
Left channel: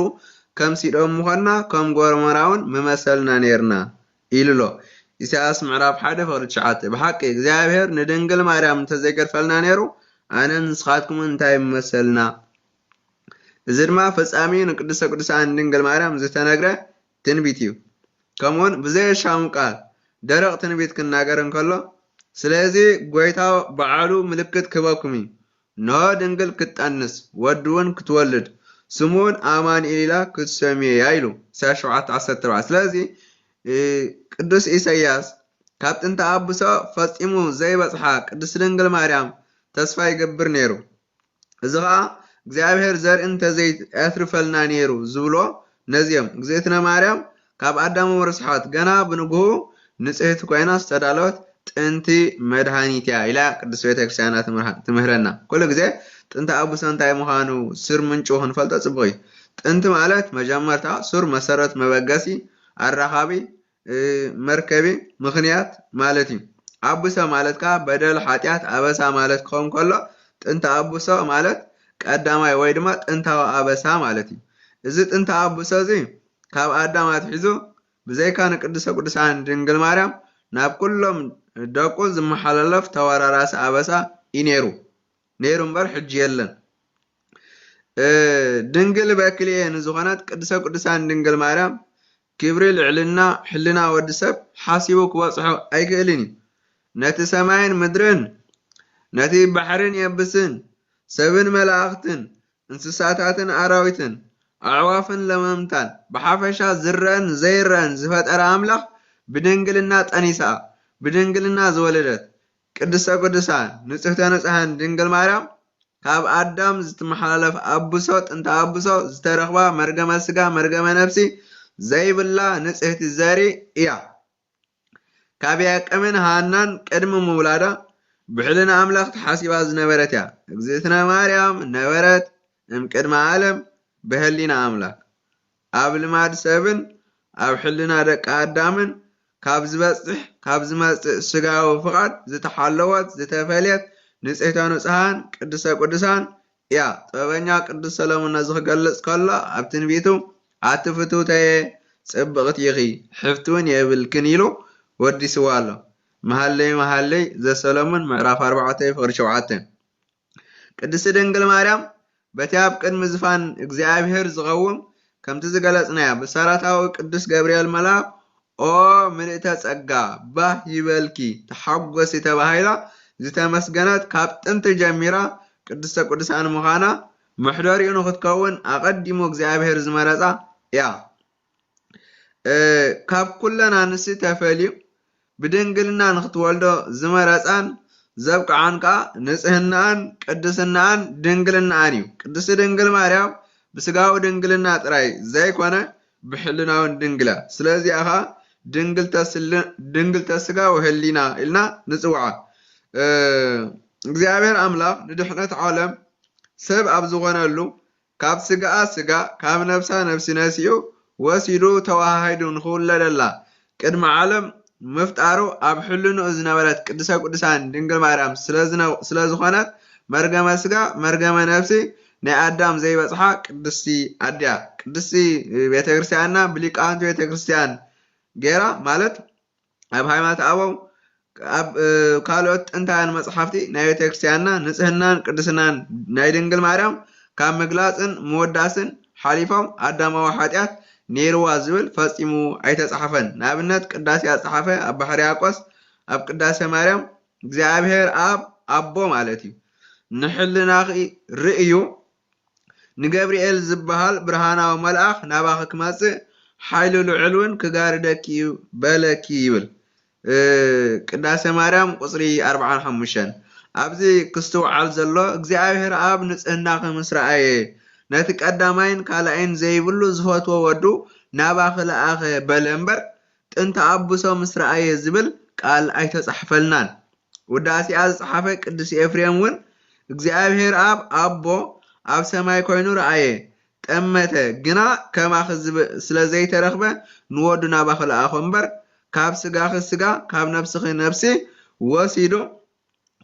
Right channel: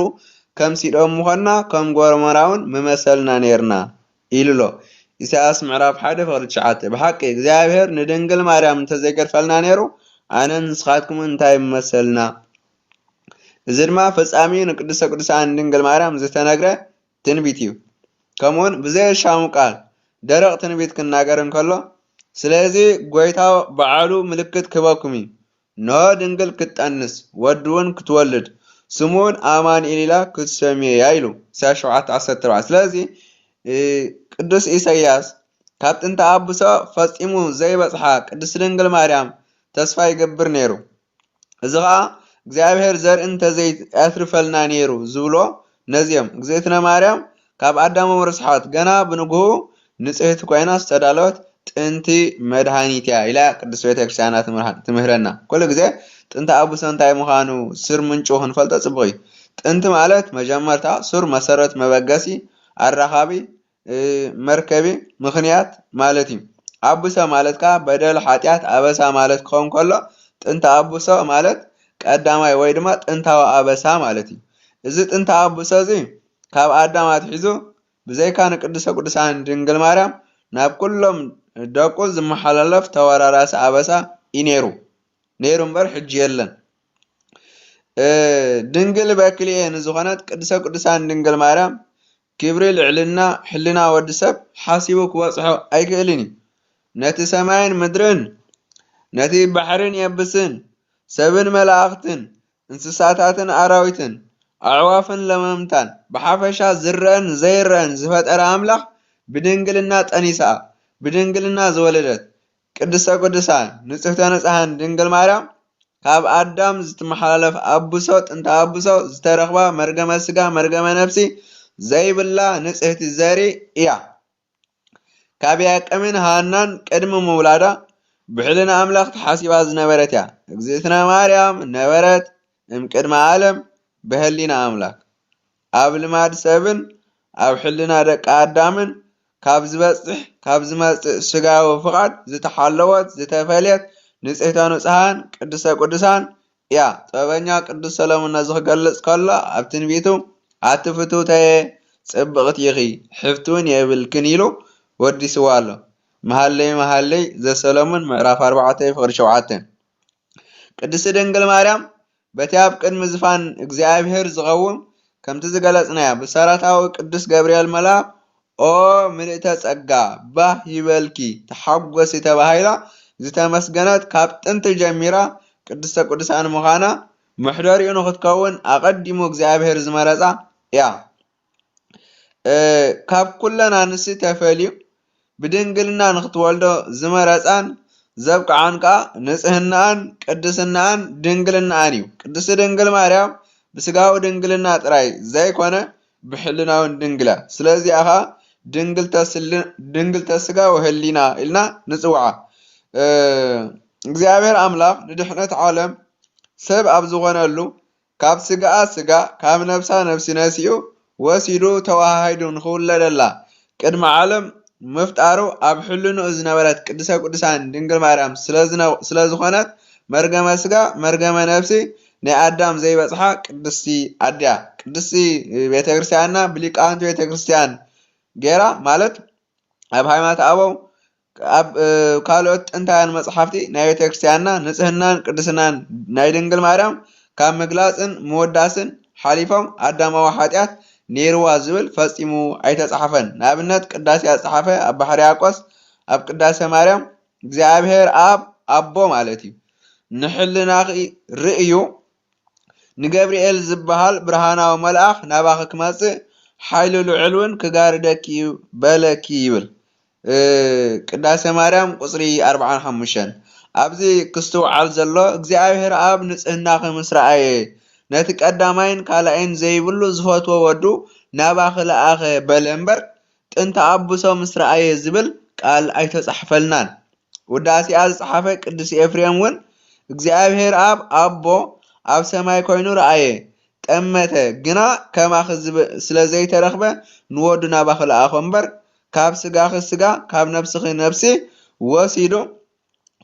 ከም ሲዶም ምኾንና ከም ጎሞራውን ምመሰልና ኔርና ኢሉሎ ኢሳያስ ምዕራፍ 1:9 ብሓቂ እግዚአብሔር ንድንግል ማርያም እንተዘይገድፈልና ኔሩ ኣነ ንስኻትኩም እንታይ ምመሰልና። እዚ ድማ ፈጻሚ ንቅድስተ ቅዱሳን ድንግል ማርያም ዝተነግረ ትንቢት እዩ። ከምኡውን ብዘየሻሙ ቃል ደረቕ ትንቢት ክናገር እንከሎ ስለዚ ጎይታ በዓሉ ምልክት ክህበኩም እዩ ንሆ ድንግል ክትጠንስ ወዲ እውን ክትወልድ ስሙን አማኑኤል ኢላ ክትሰምያ ኢሉ ኢሳያስ 7:14 ስለዚ ቅዱስ ኢሳያስ ካብ ጥንተ አብሶ ፈጺሙ ዘይበፅሓ ቅድስት ድንግል ማርያም ተስፋ ይገብር ነይሩ። እዚ ከዓ እግዚአብሔር ዘርኢ እንተዘይኣትርፈልና ነይሩ ዝብሎ ነዚኦም እግዝእትነ ማርያም ካብ አዳም ርስሓት ገና ብንግሁ ንጽሕቲ ኮይና ዝተዳለወት ጥንቲ መድሃኒት እያ ኢላ ቅዱስ ቤተክርስቲያና ትምህረና። ኩሉ ግዜ ጥንተ አብሶ እንታይ ምዃኑ ስር ምንጩ ክንፈልጦ ፅቡቅ እዩ። ጥንቲ ማለት መጀመርታ ሱር መሰረት መበገሲ አራኻቢ መርከቢ ምክንያት ማለት እዩ። አብሶ ማለት ከዓ በደል ሓጢአት አበሳ ማለት ክኸውን ከሎ ጥንተ አብሶ ማለት ቀዳማይ ወይ ድማ ጥንታዊ አበሳ ማለት እዩ። እዚ ጥንተ አብሶ እዚ ካብ አዳም አትሒዙ ብዘይካ ንቅድስተ ቅዱሳን ድንግል ማርያም ናብ ኩሎም ደቁ ዝመሓላለፍ ተወራራሲ አበሳ ይነይሩ እምበር ሕጂ የለን። ድንግል በክልኤ ንዝኾነት ቅድስተ ቅዱሳን ድንግል ማርያም ክብሪ ልዕልና ሕልና ወዲ ሰብ ሓሲቡ ክበፅሖ ኣይክእልን እዩ። ነቲ ሰማይን ምድርን ነቲ ባሕርን የብስን ሰብን መላእኽትን እንስሳታትን አራዊትን አዕዋፍን ለመምታን ብሓፈሻ ዝረአን ዘይረአን ዝፈጠረ አምላኽ ብድንግልና ጠኒሳ ብድንግልና ዝወለደት ቅድስተ ቅዱሳን ንጽሕተ ንጹሓን ድንግል ማርያም ካብ አዳም ዝተመሓላለፍ አብሶ ጥንተ አብሶ ዝተረኽባ መርገመ ስጋ መርገመ ነፍሲ ዘይብላ ንጽሕቲ ዘርኢ እያ። ካብ ያዕቆብን ሃናን ቅድሚ ምውላዳ ብሕልና አምላኽ ተሓሲባ ዝነበረት እያ። እግዝእትነ ማርያም ነበረት እምቅድመ ዓለም ብህሊና አምላክ ኣብ ልማድ ሰብን ኣብ ሕልና ደቂ ኣዳምን ካብ ዝበጽሕ ካብ ዝመጽእ ስጋዊ ፍቓድ ዝተሓለወት ዝተፈልየት ንጽሕተ ንጹሃን ቅድስተ ቅዱሳን እያ። ጥበበኛ ቅዱስ ሰሎሞን ነዚ ክገልጽ ከሎ ኣብ ትንቢቱ ኣቲ ፍቱተየ ጽብቕቲ ኢኺ ሕፍቲ እውን የብልክን ኢሉ ወዲስዋ ኣሎ። መሃለይ መሃለይ ዘሰሎሞን ምዕራፍ 4 ፍቕዲ 7 ቅድስቲ ድንግል ማርያም በቲ ኣብ ቅድሚ ዝፋን እግዚኣብሔር ዝቐውም ከምቲ ዝገለጽናያ ብሰራታዊ ቅዱስ ገብርኤል መልአክ ኦ ምልእተ ጸጋ ባህ ይበልኪ ተሓጐሲ ተባሂላ ዝተመስገነት ካብ ጥንቲ ጀሚራ ቅድስተ ቅዱሳን ምዃና ምሕደሪኡ ንኽትከውን ኣቐዲሙ እግዚኣብሔር ዝመረፃ እያ። ካብ ኩለን አንስቲ ተፈልዩ ብድንግልና ንኽትወልዶ ዝመረፃን ዘብቅዓን ከዓ ንጽህናን ቅድስናን ድንግልናን እዩ። ቅድስቲ ድንግል ማርያም ብስጋዊ ድንግልና ጥራይ ዘይኮነ ብሕልናውን ድንግላ ስለዚኣ ኸ ድንግልተ ስጋ ወህሊና ኢልና ንጽውዓ። እግዚአብሔር አምላክ ንድሕነት ዓለም ሰብ ኣብ ዝኾነሉ ካብ ስጋኣ ስጋ ካብ ነፍሳ ነፍሲ ነሲኡ ወሲዱ ተዋሃሂዱ ንኽውለደላ ቅድሚ ዓለም ምፍጣሩ ኣብ ሕልንኡ ዝነበረት ቅድስተ ቅዱሳን ድንግል ማርያም ስለዝኾነት መርገመ ስጋ መርገመ ነፍሲ ናይ ኣዳም ዘይበጽሓ ቅድስቲ ኣድያ ቅድስቲ ቤተ ክርስቲያንና ብሊቃውንቲ ቤተ ክርስቲያን ጌራ ማለት ኣብ ሃይማኖት ኣበው ኣብ ካልኦት ጥንታውያን መጽሓፍቲ ናይ ቤተ ክርስቲያንና ንጽህናን ቅድስናን ናይ ድንግል ማርያም ካብ ምግላጽን ምውዳስን ሓሊፎም ኣዳማዊ ኃጢአት ኔርዋ ዝብል ፈጺሙ ኣይተጻሕፈን። ንኣብነት ቅዳሴ ኣጻሓፈ ኣብ ባሕሪ ያቆስ ኣብ ቅዳሴ ማርያም እግዚአብሔር ኣብ ኣቦ ማለት እዩ ንሕልናኺ ርእዩ ንገብርኤል ዝበሃል ብርሃናዊ መልአኽ ናባኺ ክመጽእ ሓይሉ ልዑልን ክጋርደኪ በለኪ ይብል። ቅዳሴ ማርያም ቁጽሪ 45 ኣብዚ ክስተውዓል ዘሎ እግዚአብሔር ኣብ ንጽህናኺ ምስ ረአየ ነቲ ቀዳማይን ካልኣይን ዘይብሉ ዝፈትዎ ወዱ ናባኺ ለኣኸ በለ እምበር ጥንቲ ኣቡሶ ምስ ረአየ ዝብል ቃል ኣይተጻሕፈልናን። ውዳሴኣ ዝጸሓፈ ቅዱስ ኤፍሬም እውን እግዚአብሔር ኣብ ኣቦ ኣብ ሰማይ ኮይኑ ረአየ ጠመተ ግና ከማኺ ስለ ዘይተረኽበ ንወዱ ናባኺ ለኣኸ እምበር ካብ ስጋኺ ስጋ ካብ ነፍስኺ ነፍሲ ወሲዱ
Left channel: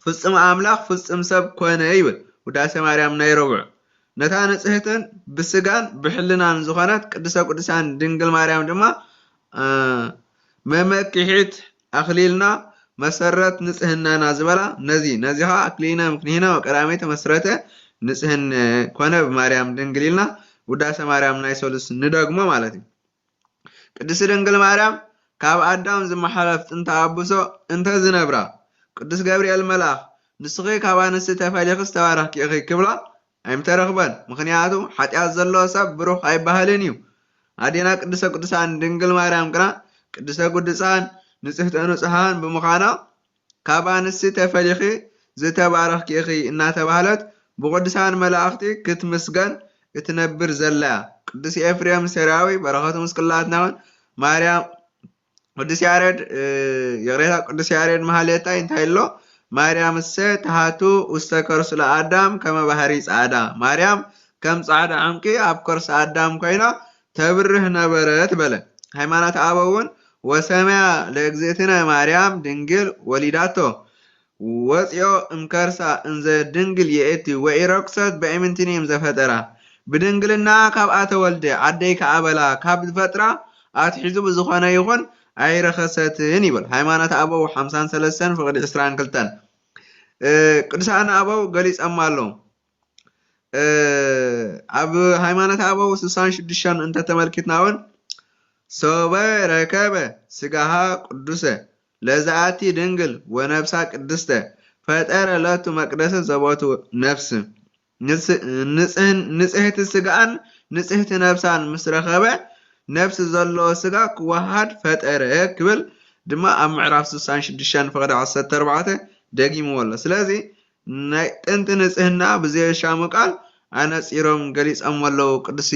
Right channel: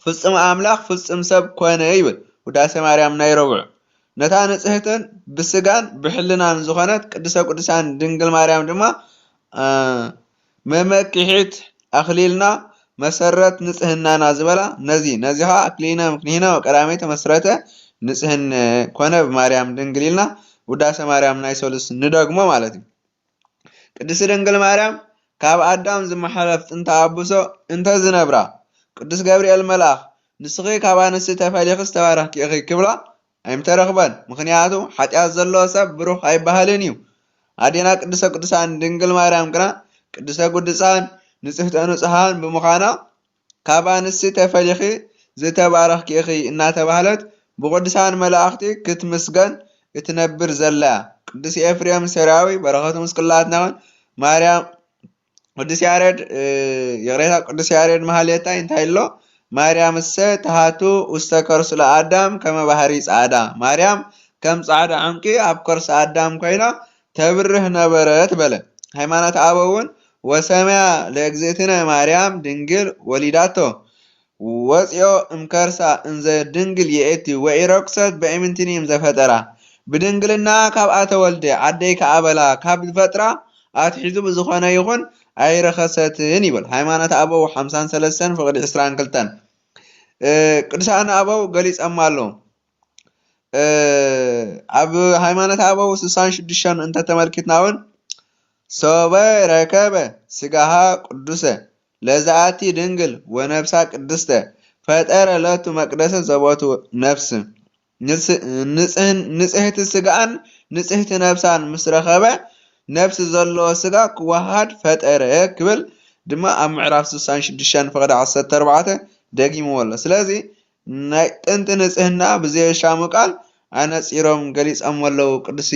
ፍጹም ኣምላኽ ፍጹም ሰብ ኮነ ይብል ውዳሴ ማርያም ናይ ረቡዕ። ነታ ንጽሕትን ብስጋን ብሕልናን ዝኾነት ቅድስተ ቅዱሳን ድንግል ማርያም ድማ መመክሒት ኣኽሊልና መሰረት ንጽህናና ዝበላ ነዚኻ ኣክሊነ ምክንሂነ ወቀዳሜተ መሰረተ ንጽህን ኮነ ብማርያም ድንግል ኢልና ውዳሴ ማርያም ናይ ሰሉስ ንደግሞ ማለት እዩ። ቅድስቲ ድንግል ማርያም ካብ ኣዳም ዝመሓለፍ ጥንተ ኣቡሶ እንተ ዝነብራ ቅዱስ ገብርኤል መልአኽ ንስኺ ካብ ኣንስቲ ተፈሊኺ ዝተባረኽኪ ኢኺ ክብላ ኣይምተረኽበን። ምክንያቱ ኃጢአት ዘለዎ ሰብ ብሩኽ ኣይባሃልን እዩ። ኣዴና ቅድስተ ቅዱሳን ድንግል ማርያም ግና ቅድስተ ቅዱሳን ንጽሕተ ንጹሃን ብምዃና ካብ ኣንስቲ ተፈሊኺ ዝተባረኽኪ ኢኺ እናተባህለት ብቅዱሳን መላእኽቲ ክትምስገን እትነብር ዘላ ቅዱስ ኤፍሬም ሰራዊ በረኸቱ ምስቅላትና ማርያም ቅዱስ ያሬድ የቅሬታ ቅዱስ ያሬድ መሃሌታ እንታይ ኣሎ ማርያም እሰ ተሃቱ ውስተ ከርሱ ለአዳም ከመ ባህሪ ጻዕዳ ማርያም ከም ጻዕዳ ዕንቂ ኣብ ከርሱ ኣዳም ኮይና ተብርህ ነበረት በለ። ሃይማኖት ኣበውን ወሰማያ ለእግዝእትነ ማርያም ድንግል ወሊዳቶ ወፂኦ እምከርሳ እንዘ ድንግል የእቲ ወኢረክሰት በእምንትኒም ዘፈጠራ ብድንግልና ካብኣ ተወልደ ዓደይ ከኣበላ ካብ ዝፈጥራ ኣትሒዙ ብዝኾነ ይኹን ኣይረኸሰትን ይብል ሃይማኖት ኣበው 53 ፍቅዲ 22 ቅዱሳን ኣበው ገሊጾም ኣለዉ። ኣብ ሃይማኖት ኣበው 66 እንተተመልኪትና እውን ሶበ ረከበ ስጋሃ ቅዱሰ ለዛኣቲ ድንግል ወነፍሳ ቅድስተ ፈጠረ ለቱ መቅደሰ ዘቦቱ ነፍስ ንጽሕቲ ስጋን ንጽሕቲ ነፍሳን ምስ ረኸበ ነፍሲ ዘለዎ ስጋ ክዋሃድ ፈጠረ ክብል ድማ ኣብ ምዕራፍ 66 ፍቅዲ 14 ደጊምዎ ኣሎ። ስለዚ ናይ ጥንቲ ንጽህና ብዘየሻሙ ቃል ኣነጺሮም ገሊጾም ኣለዉ ቅዱሲ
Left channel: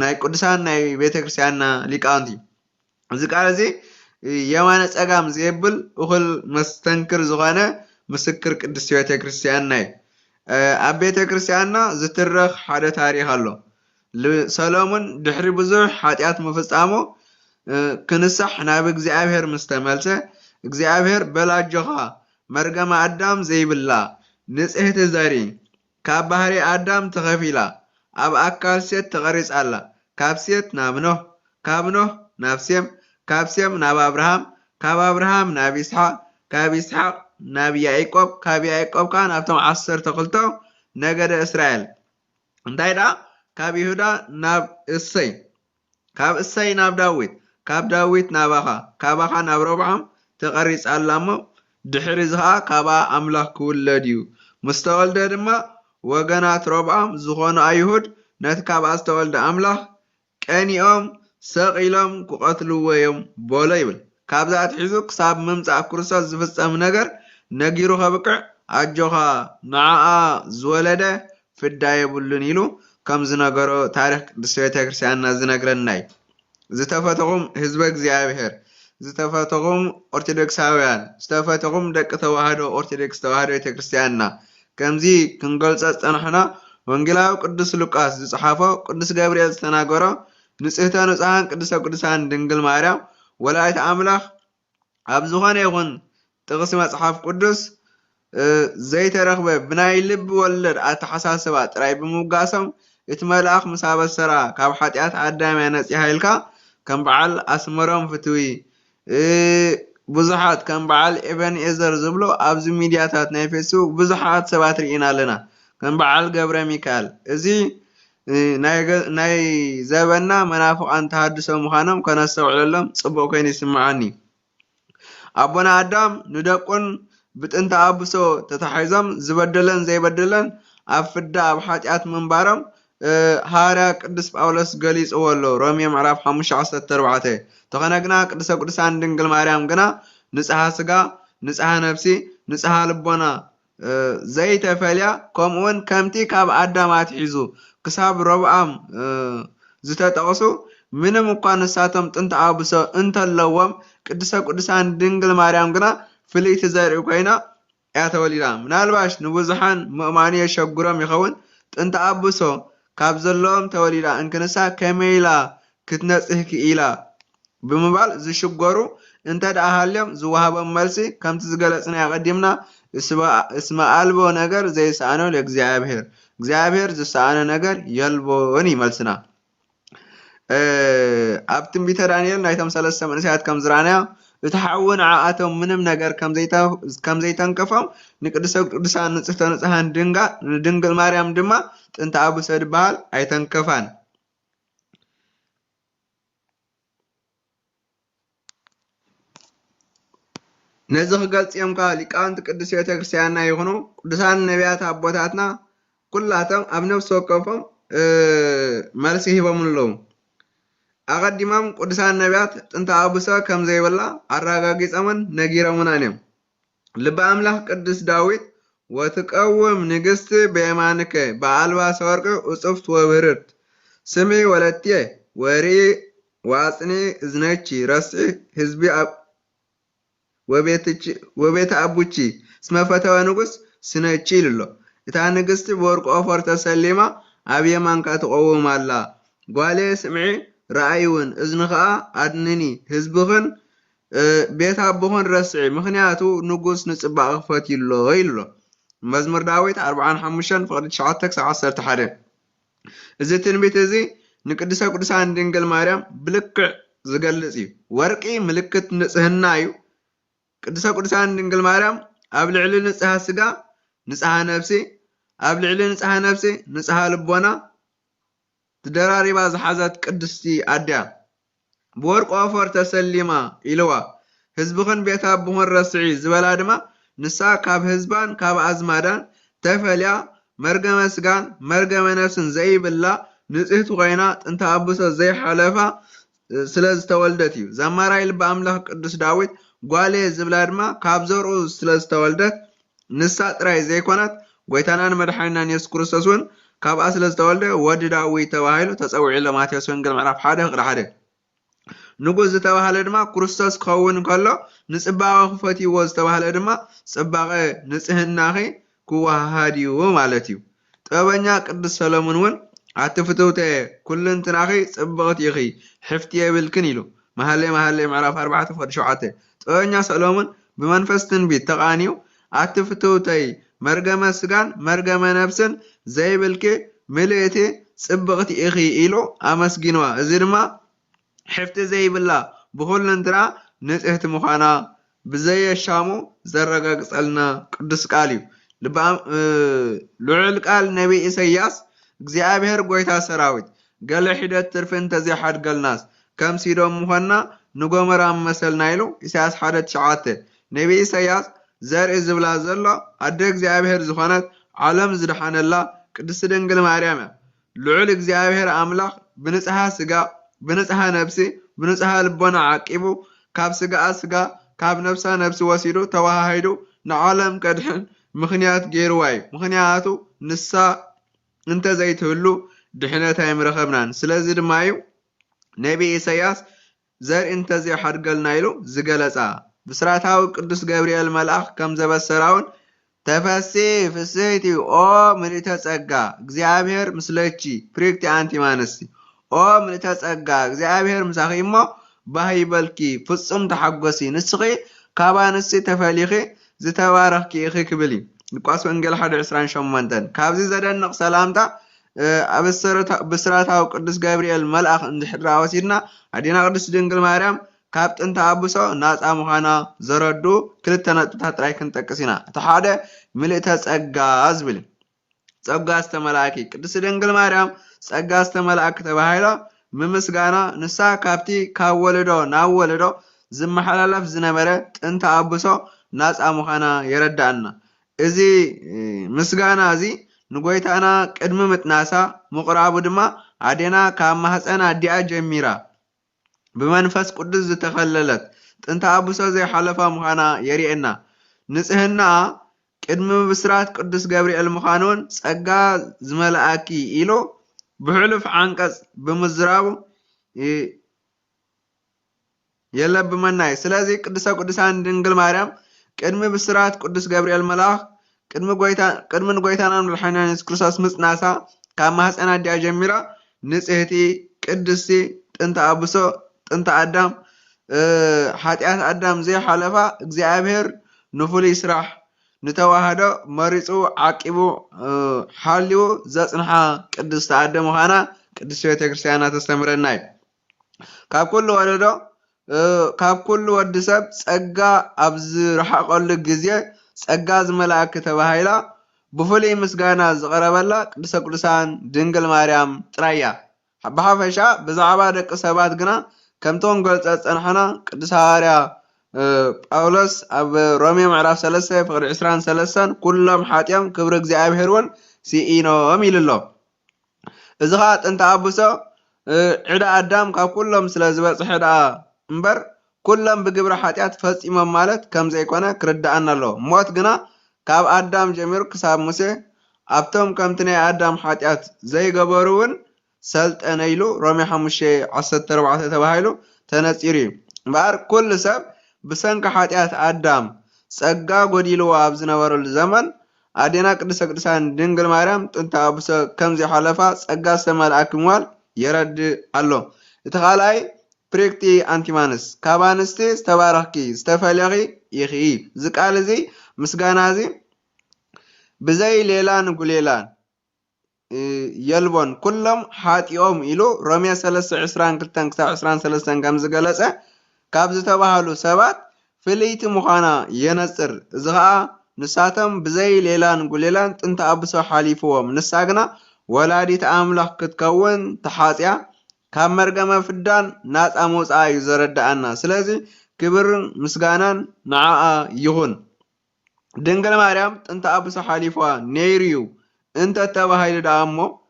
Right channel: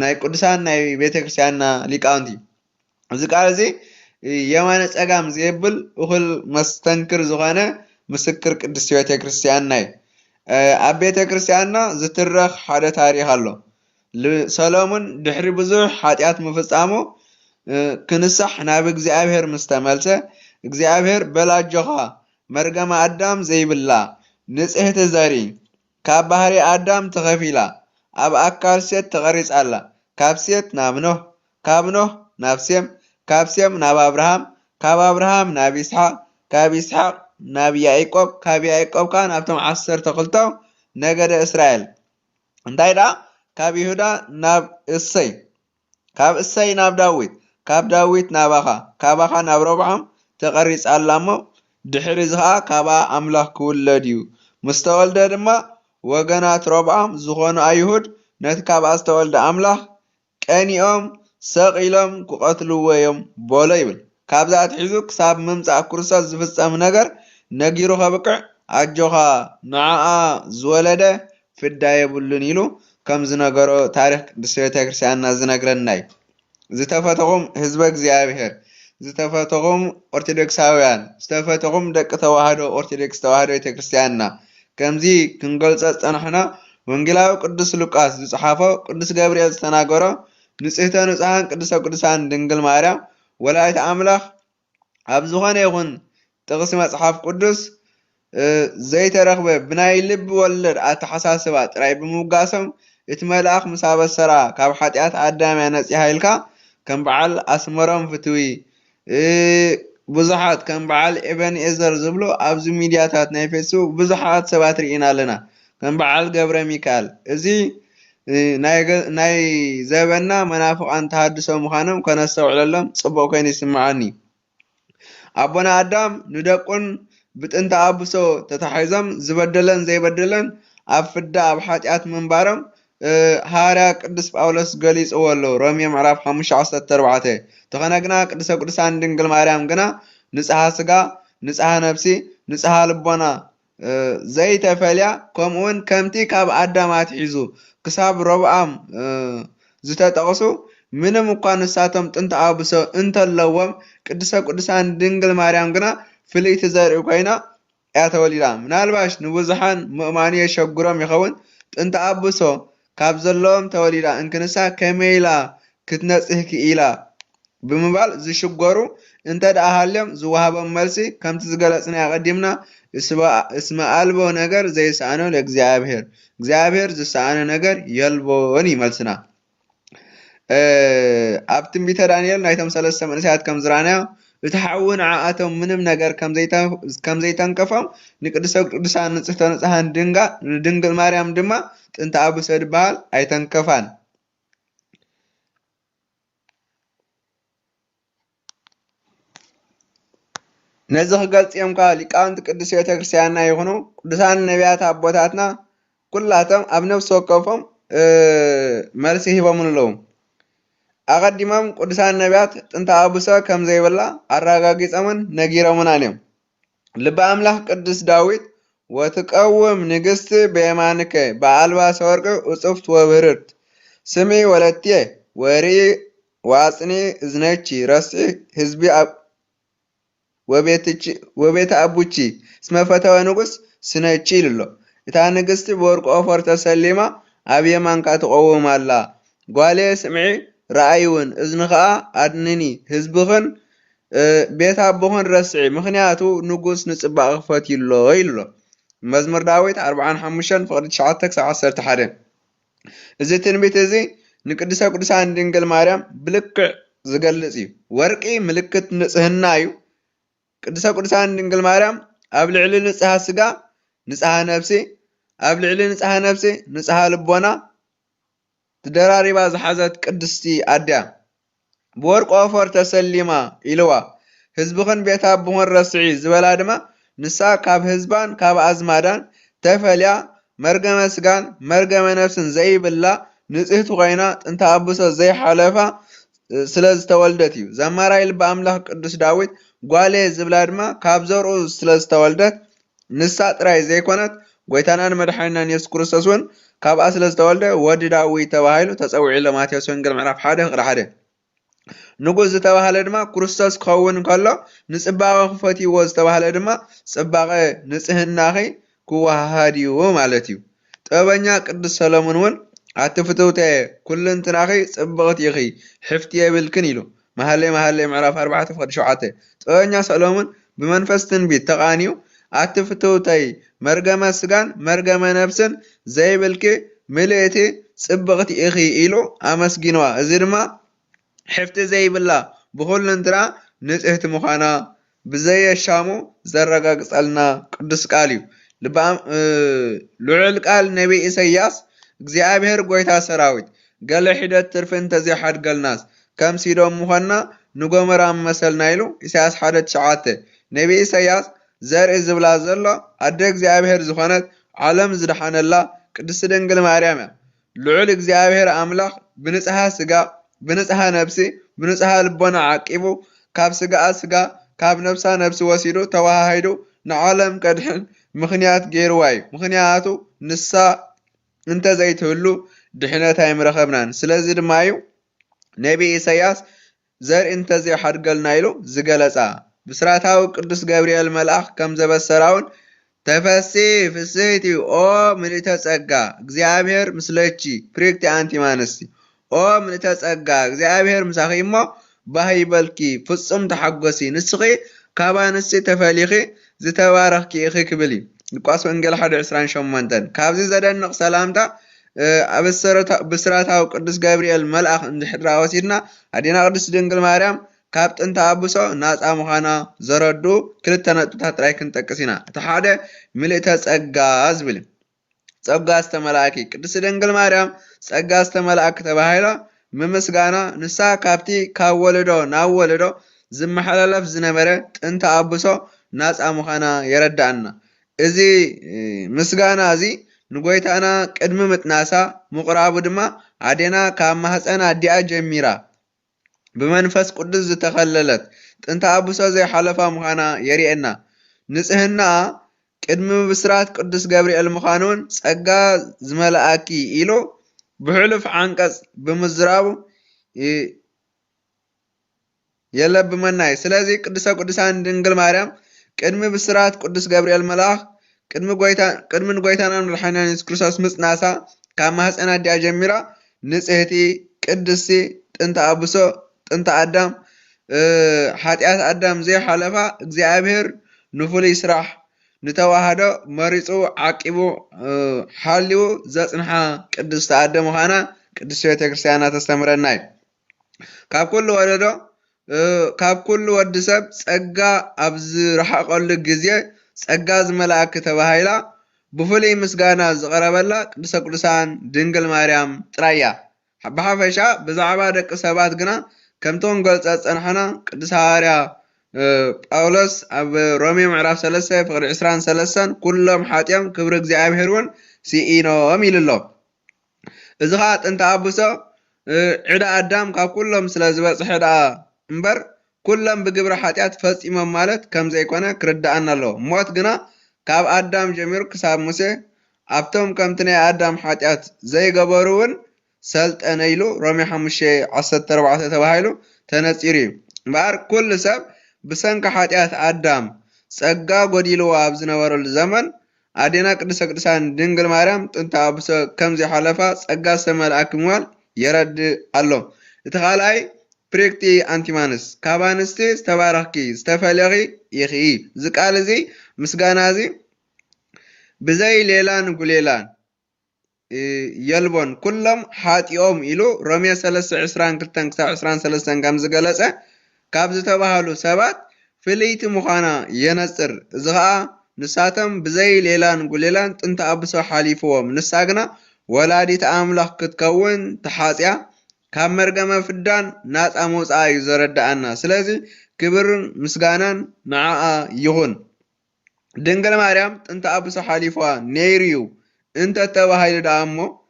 ናይ ቅዱሳን ናይ ቤተ ክርስቲያንና ሊቃውንቲ። እዚ ቃል እዚ የማነ ጸጋም ዘየብል እኹል መስተንክር ዝኾነ ምስክር ቅዱስ ቤተ ክርስቲያንና እዩ። ኣብ ቤተ ክርስቲያንና ዝትረኽ ሓደ ታሪኽ ኣሎ። ሰሎሞን ድሕሪ ብዙሕ ኃጢአት ምፍጻሙ ክንሳሕ ናብ እግዚኣብሔር ምስ ተመልሰ እግዚኣብሔር በላጆኻ መርገመ ኣዳም ዘይብላ ንጽሕቲ ዘርኢ ካብ ባህሪ ኣዳም ተኸፊላ ኣብ ኣካል ሴት ተቐሪጻ ኣላ። ካብ ሴት ናብ ኖህ፣ ካብ ኖህ ናብ ሴም፣ ካብ ሴም ናብ ኣብርሃም፣ ካብ ኣብርሃም ናብ ይስሓቅ፣ ካብ ይስሓቅ ናብ ያዕቆብ፣ ካብ ያዕቆብ ከዓ ናብቶም 12 ነገደ እስራኤል እንታይ ደኣ ካብ ይሁዳ ናብ እሰይ፣ ካብ እሰይ ናብ ዳዊት፣ ካብ ዳዊት ናብ ኣኻ፣ ካብ ኣኻ ናብ ረብዓም ተቐሪጻ ኣላ እሞ ድሕሪ እዚ ከዓ ካብኣ ኣምላኽ ክውለድ እዩ። ምስ ተወልደ ድማ ወገናት ረብዓም ዝኾኑ ኣይሁድ ነቲ ካብኣ ዝተወልደ ኣምላኽ ቀኒኦም ሰቒሎም ክቐትልዎ እዮም በሎ ይብል። ካብዛ ኣትሒዙ ክሳብ ምምፃእ ክርስቶስ ዝፍጸም ነገር ነጊሩ ከብቅዕ ኣጆኻ ንዓኣ ዝወለደ ፍዳ የብሉን ኢሉ ከም ዝነገሮ ታሪክ ቅዱስ ቤተ ክርስቲያንና ዝነግረና እዩ። ዝተፈተኹም ህዝበ እግዚኣብሔር፣ ዝተፈተኹም ኦርቶዶክሳውያን፣ ዝተፈተኹም ደቂ ተዋህዶ ኦርቶዶክስ ተዋህዶ ቤተ ክርስቲያንና ከምዚ ክንገልጾ ዝጸናሕና ወንጌላዊ ቅዱስ ሉቃስ ዝጸሓፎ ቅዱስ ገብርኤል ዝተናገሮ ንጽሕተ ንጹሓን ቅድስተ ቅዱሳን ድንግል ማርያም ወላዲተ ኣምላኽ ኣብ ዝኾነ ይኹን ጥቕሲ መጽሓፍ ቅዱስ ዘይተረኽበ ብናይ ልቢ ወለድ ኣተሓሳስባ ጥራይ ብምውጋሶም እቲ መልኣኽ ምስ ኣበሰራ ካብ ሓጢኣት ኣዳም ነፂሓ ኢልካ ከም በዓል ኣስመሮም ፍትዊ ብዙሓት ከም በዓል ኤቨንኤዘር ዝብሉ ኣብዚ ሚድያታት ናይ ፌስቡክ ብዙሓት ሰባት ርኢና ኣለና። ከም በዓል ገብረ ሚካኤል እዚ ናይ ዘበና መናፍቃን ተሃድሶ ምዃኖም ከነስተውዕለሎም ጽቡቕ ኮይኑ ይስምዓኒ። ኣቦና ኣዳም ንደቁን ብጥንተ ኣብሶ ተታሒዞም ዝበደለን ዘይበደለን ኣብ ፍዳ ኣብ ሓጢኣት ምንባሮም ሃዋርያ ቅዱስ ጳውሎስ ገሊጽዎ ኣሎ ሮሜ ምዕራፍ 5:14 ተኾነ ግና ቅድስተ ቅዱሳን ድንግል ማርያም ግና ንጽሓ ስጋ፣ ንጽሓ ነፍሲ፣ ንጽሓ ልቦና ዘይተፈልያ ከምኡውን ከምቲ ካብ ኣዳም ኣትሒዙ ክሳብ ረብዓም ዝተጠቕሱ ምንም እኳ ንሳቶም ጥንተ ኣብሶ እንተለዎም ቅድስተ ቅዱሳን ድንግል ማርያም ግና ፍልይቲ ዘርኢ ኮይና እያ ተወሊዳ። ምናልባሽ ንብዙሓን ምእማኑ የሸግሮም ይኸውን ጥንተ ኣብሶ ካብ ዘለዎም ተወሊዳ እንክንሳ ከመይ ኢላ ክትነጽህ ክኢላ ብምባል ዝሽገሩ እንተ ደኣ ሃልዮም ዝወሃቦም መልሲ ከምቲ ዝገለጽና ቀዲምና እስመ አልቦ ነገር ዘይሰአኖ ለእግዚአብሔር፣ እግዚአብሔር ዝሰአነ ነገር የልቦን ይመልስና። ኣብ ትንቢተ ዳንኤል ናይቶም 3 መንእሰያት ከም ዝረአናዮ እቲ ሓዊ ንዓኣቶም ምንም ነገር ከም ዘይተንከፎም ንቅድስተ ቅዱሳን ንጽሕተ ንጹሓን ድንግል ማርያም ድማ ጥንተ ኣብሶ ድበሃል ኣይተንከፋን። ነዚ ክገልጽዮም ከዓ ሊቃውንቲ ቅዱስ ቤተ ክርስቲያንና ይኹኑ ቅዱሳን ነቢያት ኣቦታትና ኩላቶም ኣብ ነፍሲ ወከፎም መልሲ ሂቦምን ኣለዉ። ኣቐዲሞም ቅዱሳን ነቢያት ጥንተ ኣብሶ ከም ዘይብላ ኣረጋጊጾምን ነጊሮምና እዮም። ልበ ኣምላኽ ቅዱስ ዳዊት ወትቀውም ንግሥቲ በየማንከ በኣልባሰ ወርቂ እጹፍት ወብህርት ስምዒ ወለትየ ወርኢ ዋጽኒ እዝነቺ ረስዒ ህዝቢ ወቤተ አቡቺ እስመ ፈተወ ንጉስ ስነቺ ኢልሎ። እታ ንግስቲ ብወርቂ ኦፈር ተሰሊማ ኣብ የማንካ ትቆውም ኣላ። ጓሌ ስምዒ ረኣይውን እዝኒ ከዓ ኣድንኒ ህዝብኽን ቤት ኣቦኽን ረስዒ ምክንያቱ ንጉስ ንጽባቕ ክፈትይሎ ኢልሎ። መዝሙር ዳዊት 45:9-11 እዚ ትንቢት እዚ ንቅድስተ ቅዱሳን ድንግል ማርያም ብልክዕ ዝገልጽ እዩ። ወርቂ ምልክት ንጽህና እዩ። ቅድስተ ቅዱሳን ድንግል ማርያም ኣብ ልዕሊ ንጽሓ ስጋ ንጽሓ ነፍሲ፣ ኣብ ልዕሊ ንጽሓ ነፍሲ ንጽሓ ልቦና ተደራሪባ ዝሓዘት ቅድስቲ ኣድያ ብወርቂ ኦፈር ተሰሊማ ኢልዋ። ህዝብኽን ቤት ኣቦኽን ረስዒ ዝበላ ድማ ንሳ ካብ ህዝባን ካብ ኣዝማዳን ተፈልያ መርገመ ስጋን መርገመ ነፍስን ዘይብላ ንጽህቲ ኮይና ጥንተ ኣብሶ ዘይሓለፋ ስለ ዝተወልደት እዩ። ዘማራይ ልበ ኣምላኽ ቅዱስ ዳዊት ጓሌ ዝብላ ድማ ካብ ዘርኡ ስለ ዝተወልደት ንሳ ጥራይ ዘይኮነት ጎይታናን መድሓኒናን ኢየሱስ ክርስቶስ እውን ካብኣ ስለ ዝተወልደ ወዲ ዳዊት ተባሂሉ ተጸውዒ ሎ ማቴዎስ ወንጌል ምዕራፍ 1:1 ንጉስ ዝተባሃለ ድማ ክርስቶስ ክኸውን ከሎ ንጽባቐ ክፈትይዎ ዝተባሃለ ድማ ጽባቐ ንጽህናኺ ክወሃሃድ እዩ ማለት እዩ። ጥበበኛ ቅዱስ ሰሎሞን እውን ኣቲ ፍትውተ ኩልንትናኺ ጽብቕቲ ኢኺ ሕፍቲ የብልክን ኢሉ مهلي معرف 4 فقد شوعته طوينيا سلومون بمنفس تنبيت تقانيو أتفتوتي مرقم سجان مرقم نفسن زي بالكي ملئتي صبغتي إخي إلو أمسجنوا زيرما حفت زي بالله بخل انترا نسهت مخانا بزي الشامو زرقا قصالنا قدس قاليو لعل قال نبي إسياس እግዚአብሔር ጎይታ ሰራዊት ገለ ሒደት ትርፍን ተዚሓድ ገልናስ ከም ሲዶም ምዃንና ንጎመራ መሰልና ኢሉ ኢሳያስ 1:9 ነቢ ኢሳያስ ዘርኢ ዝብላ ዘሎ ኣደ እግዚአብሔር ዝኾነት ዓለም ዝድሓነላ ቅድስት ድንግል ማርያም እያ ልዑል እግዚአብሔር ኣምላኽ ብንጽሃ ስጋ ብንጽሃ ነፍሲ ብንጽሃ ልቦና ዓቂቡ ካብ ስጋኣ ስጋ ካብ ነፍሳ ነፍሲ ወሲዱ ተዋሃሂዱ ንዓለም ቀድሕን ምኽንያት ገይርዋ እዩ ምኽንያቱ ንሳ انت زيتهلو دحنة يمرخبنان سلازي دمايو نبي إسياس زر انت زي حرقلنا يلو زقلسا بسراتاو قدس جابريل ملاخ كم زبا السراون تفسي فسيتي او مليتا تسقا اغزيابير مسلتشي بريكتي انتي مانسي او مليتا تسقا اغزيابير مساخيمو باهي بلكي فصم تحقوسي نسخي كابانسي تفاليخي زتوارخكي اخي كبلي لقاس وانجل 1:20 شمانتن كابزي زدنق سلامتا بسراتاو قدس جابريل ملأخ اندحرا وسيدنا ادينا قدس دنگل مريم ካብ ጥንተ አብሶ ናፃ ምዃና ዘረዱ ክልተ ነጥብታት ጥራይ ክንጠቅስ ኢና እቲ ሓደ ምልእተ ጸጋ ዝብል ጸጋ ዝተመላእኪ ቅድስት ድንግል ማርያም ጸጋ ዝተመላእኪ ተባሂላ ምምስጋና ንሳ ካብቲ ካብ ወለዶ ናብ ወለዶ ዝመሓላለፍ ዝነበረ ጥንተ አብሶ ናፃ ምዃና የረዳእና እዚ ምስጋና እዚ ንጎይታና ቅድሚ ምጥናሳ ምቁራቡ ድማ አዴና ካብ ማህፀና አዲኣ ጀሚራ بمنفس قدس زتخللت ጥንተ አብሶ ዘይሓለፋ ምዃና የሪኤና ንጽህና ቅድሚ ብስራት ቅዱስ ገብርኤል ምዃኑን ጸጋ ዝመላእኪ ኢሎ ብሕሉፍ ዓንቀጽ ብምዝራቡ የለብመናይ ስለዚ ቅድሰ ቅዱሳን ድንግል ማርያም ቅድሚ ብስራት ቅዱስ ገብርኤል መልአክ ቅድሚ ጎይታና መድኃኒትና ኢየሱስ ክርስቶስ ምጽናሳ ካብ ማህፀና አዲኣ ጀሚራ ንጽህቲ ቅድስቲ ጥንተ አብሶ ጥንተ አዳም ኃጢአት አዳም ዘይ ሓለፋ እግዚአብሔር ንፍሉይ ስራሕ ንተዋህዶ መሪጹ ዓቂቡ ሓልዩ ዘጽንሓ ቅድስቲ አደ ምዃና ቅድስት ቤተ ክርስቲያና ተስተምረና እዩ ካብ ኩሉ ወዲ ሰብ ጸጋ ኣብ ዝረሓቐሉ ግዜ ጸጋ ዝመላእኪ ተባሂላ ብፍሉይ ምስጋና ዝቐረበላ ቅድስተ ቅዱሳን ድንግል ማርያም ጥራይ እያ ብሓፈሻ ብዛዕባ ደቂ ሰባት ግና ከምቶም ገልጸ ጸንሐና ቅዱስ ሐዋርያ ጳውሎስ ኣብ ሮሜ ምዕራፍ 3 ፍቅዲ 23 ኩሎም ሓጢኦም ክብሪ እግዚአብሔር እውን ሲኢኖም ኢልሎ እዚ ኸ ጥንተ አብሶ ዕዳ አዳም ካብ ኩሎም ስለ ዝበጽሐ ዕዳ እምበር ኩሎም ብግብሪ ሓጢአት ፈጺሞም ማለት ከም ዘይኮነ ክርዳእና ኣሎ ሞት ግና ካብ አዳም ጀሚሩ ክሳብ ሙሴ ኣብቶም ከምቲ ናይ አዳም ሓጢአት ዘይገበሩ እውን ሰልጠነ ኢሉ ሮሜ 5:14 ተባሂሉ ተነጺሩ እምበር ኩሉ ሰብ ብሰንኪ ሓጢአት አዳም ጸጋ ጎዲልዋ ኣብ ዝነበረሉ ዘመን አዴና ቅድስተ ቅዱሳን ድንግል ማርያም ጥንተ አብሶ ከም ዘይሓለፋ ጸጋ ዝተመልአኪ ምዃን የረድእ ኣሎ እቲ ካልኣይ ፕሬክቲ አንቲማንስ ካብ ኣንስቲ ዝተባረኽኪ ዝተፈለኺ ኢኺ እዚ ቃል እዚ ምስጋና እዚ ብዘይ ሌላን ጉሌላን يلبون كلهم حاتيوم إلو رمية 3:22-23 كم زغلص كابز تباهلو سبات فليت مخانا ينصر زغا نساتم بزي ليلان غليلان ጥንተ አብሶ ሓሊፍዎም ንሳግና ወላዲት አምላክ ክትከውን ተሓጽያ ካብ መርገመ ፍዳን ናጻ መውጻእ እዩ ዘረዳእና ስለዚ ክብር ምስጋናን ንዓኣ ይኹን ድንግል ማርያም ጥንተ አብሶ ሓሊፍዋ ነይርዩ انت تباهيل دامو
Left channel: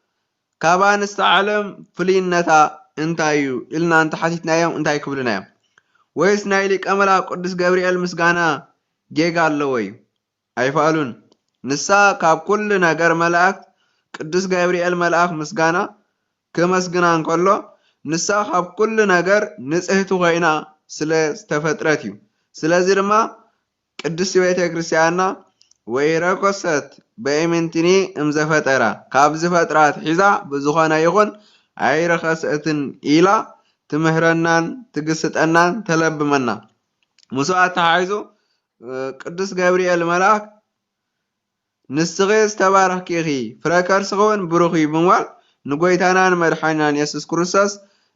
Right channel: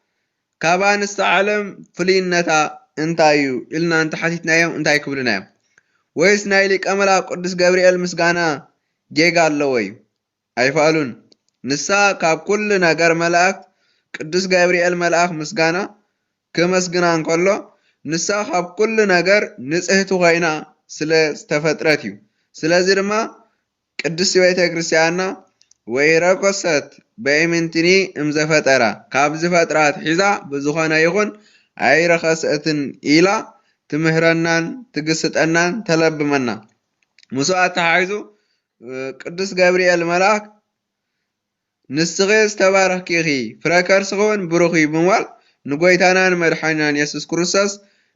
كابان استعلم فلينتا انتايو إلنا انت حتيتنا يوم انتاي كبلنا يوم ويس نايلك أملا قدس جابريل مسغانا جيغا اللوي أي فعلون نسا كاب كل ناقر ملاك قدس جابريل ملاك مسغانا كمسغنا انكولو نسا كاب كل ناقر نسهتو غينا سلا استفتراتيو سلا زرما قدس بيتا كريستيانا ويراكوست بأمنتني امزفترا كابز فترات حزا بزخانا يخون اي رخصتن إلا ትምህረናን ትግስጠናን ተለብመና مسوات تحايزو قدس جابرييل ملاك نسغيز تبارك كيخي فركر سغون بروخي بموال نقويتانان مدحانان يسوس كروسس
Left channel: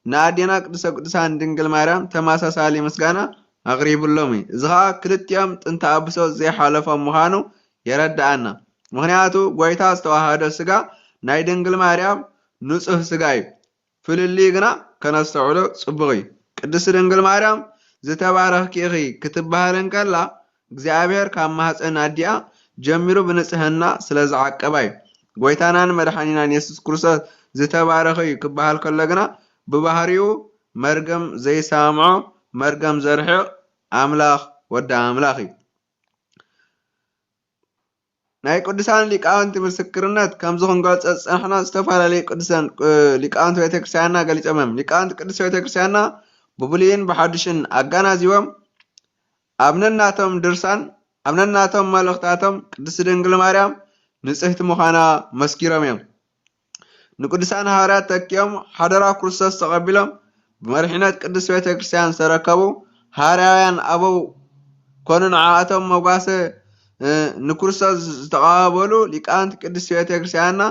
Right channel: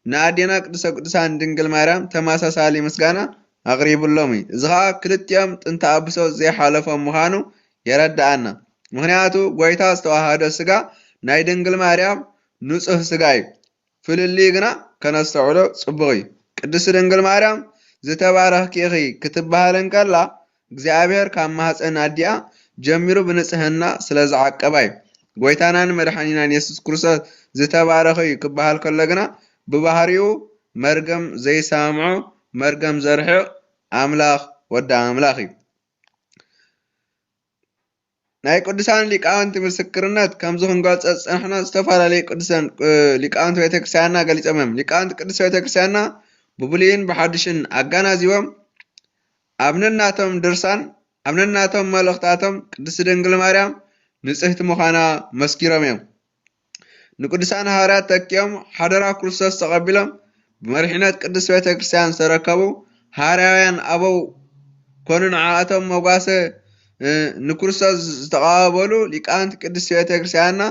نادينا قدسان دنقل مارام تماسا سالي مسقانا أغريب اللومي زغا كلتيام تنتا أبسو زي حالفا مخانو يرد عنا مخنياتو قويتاز تواهادو سغا ناي دنقل مارام نصف سغاي فلليقنا كنستعولو صبغي قدس دنقل مارام زتبارك كيخي كتبهالن كلا እግዚአብሔር ካብ ማህፀን አዲያ ጀሚሩ ብንጽህና ስለዝዓቀባይ ጎይታናን መድኃኒናን ኢየሱስ ክርስቶስ ዝተባረኸ እዩ ክበሃል ከለግና ብባህሪኡ መርገም ዘይሰምዖ መርገም ዘርሕቕ አምላኽ ወዳ አምላኽ እዩ። ናይ ቅዱሳን ሊቃውንቲ ምስክርነት ከምዚ ክንገልጸ ዝጸንሕና ዝተፈላለዩ ቅዱሳን ሊቃውንቲ ቤተክርስትያንና ገሊፆም ሊቃውንቲ ቅዱስ ቤተክርስትያንና ብብሉይን ብሓድሽን አጋናዚቦም አብነናቶም ድርሳን አብነናቶም መልእኽታቶም ቅድስት ድንግል ማርያም ንጽሕቲ ምዃና መስኪሮም እዮም። ንቅዱሳን ሐዋርያት ተኪኦም ሓደራ ክርስቶስ ተቐቢሎም ብመሪሕነት ቅዱስ ቤተ ክርስቲያን ዝተረከቡ ሐዋርያውያን አበው ኮኑ ንዓኣቶም መጓሰ ንክርስቶስ ዝተቐባበሉ ሊቃውንቲ ቅዱስ ቤተ ክርስቲያንና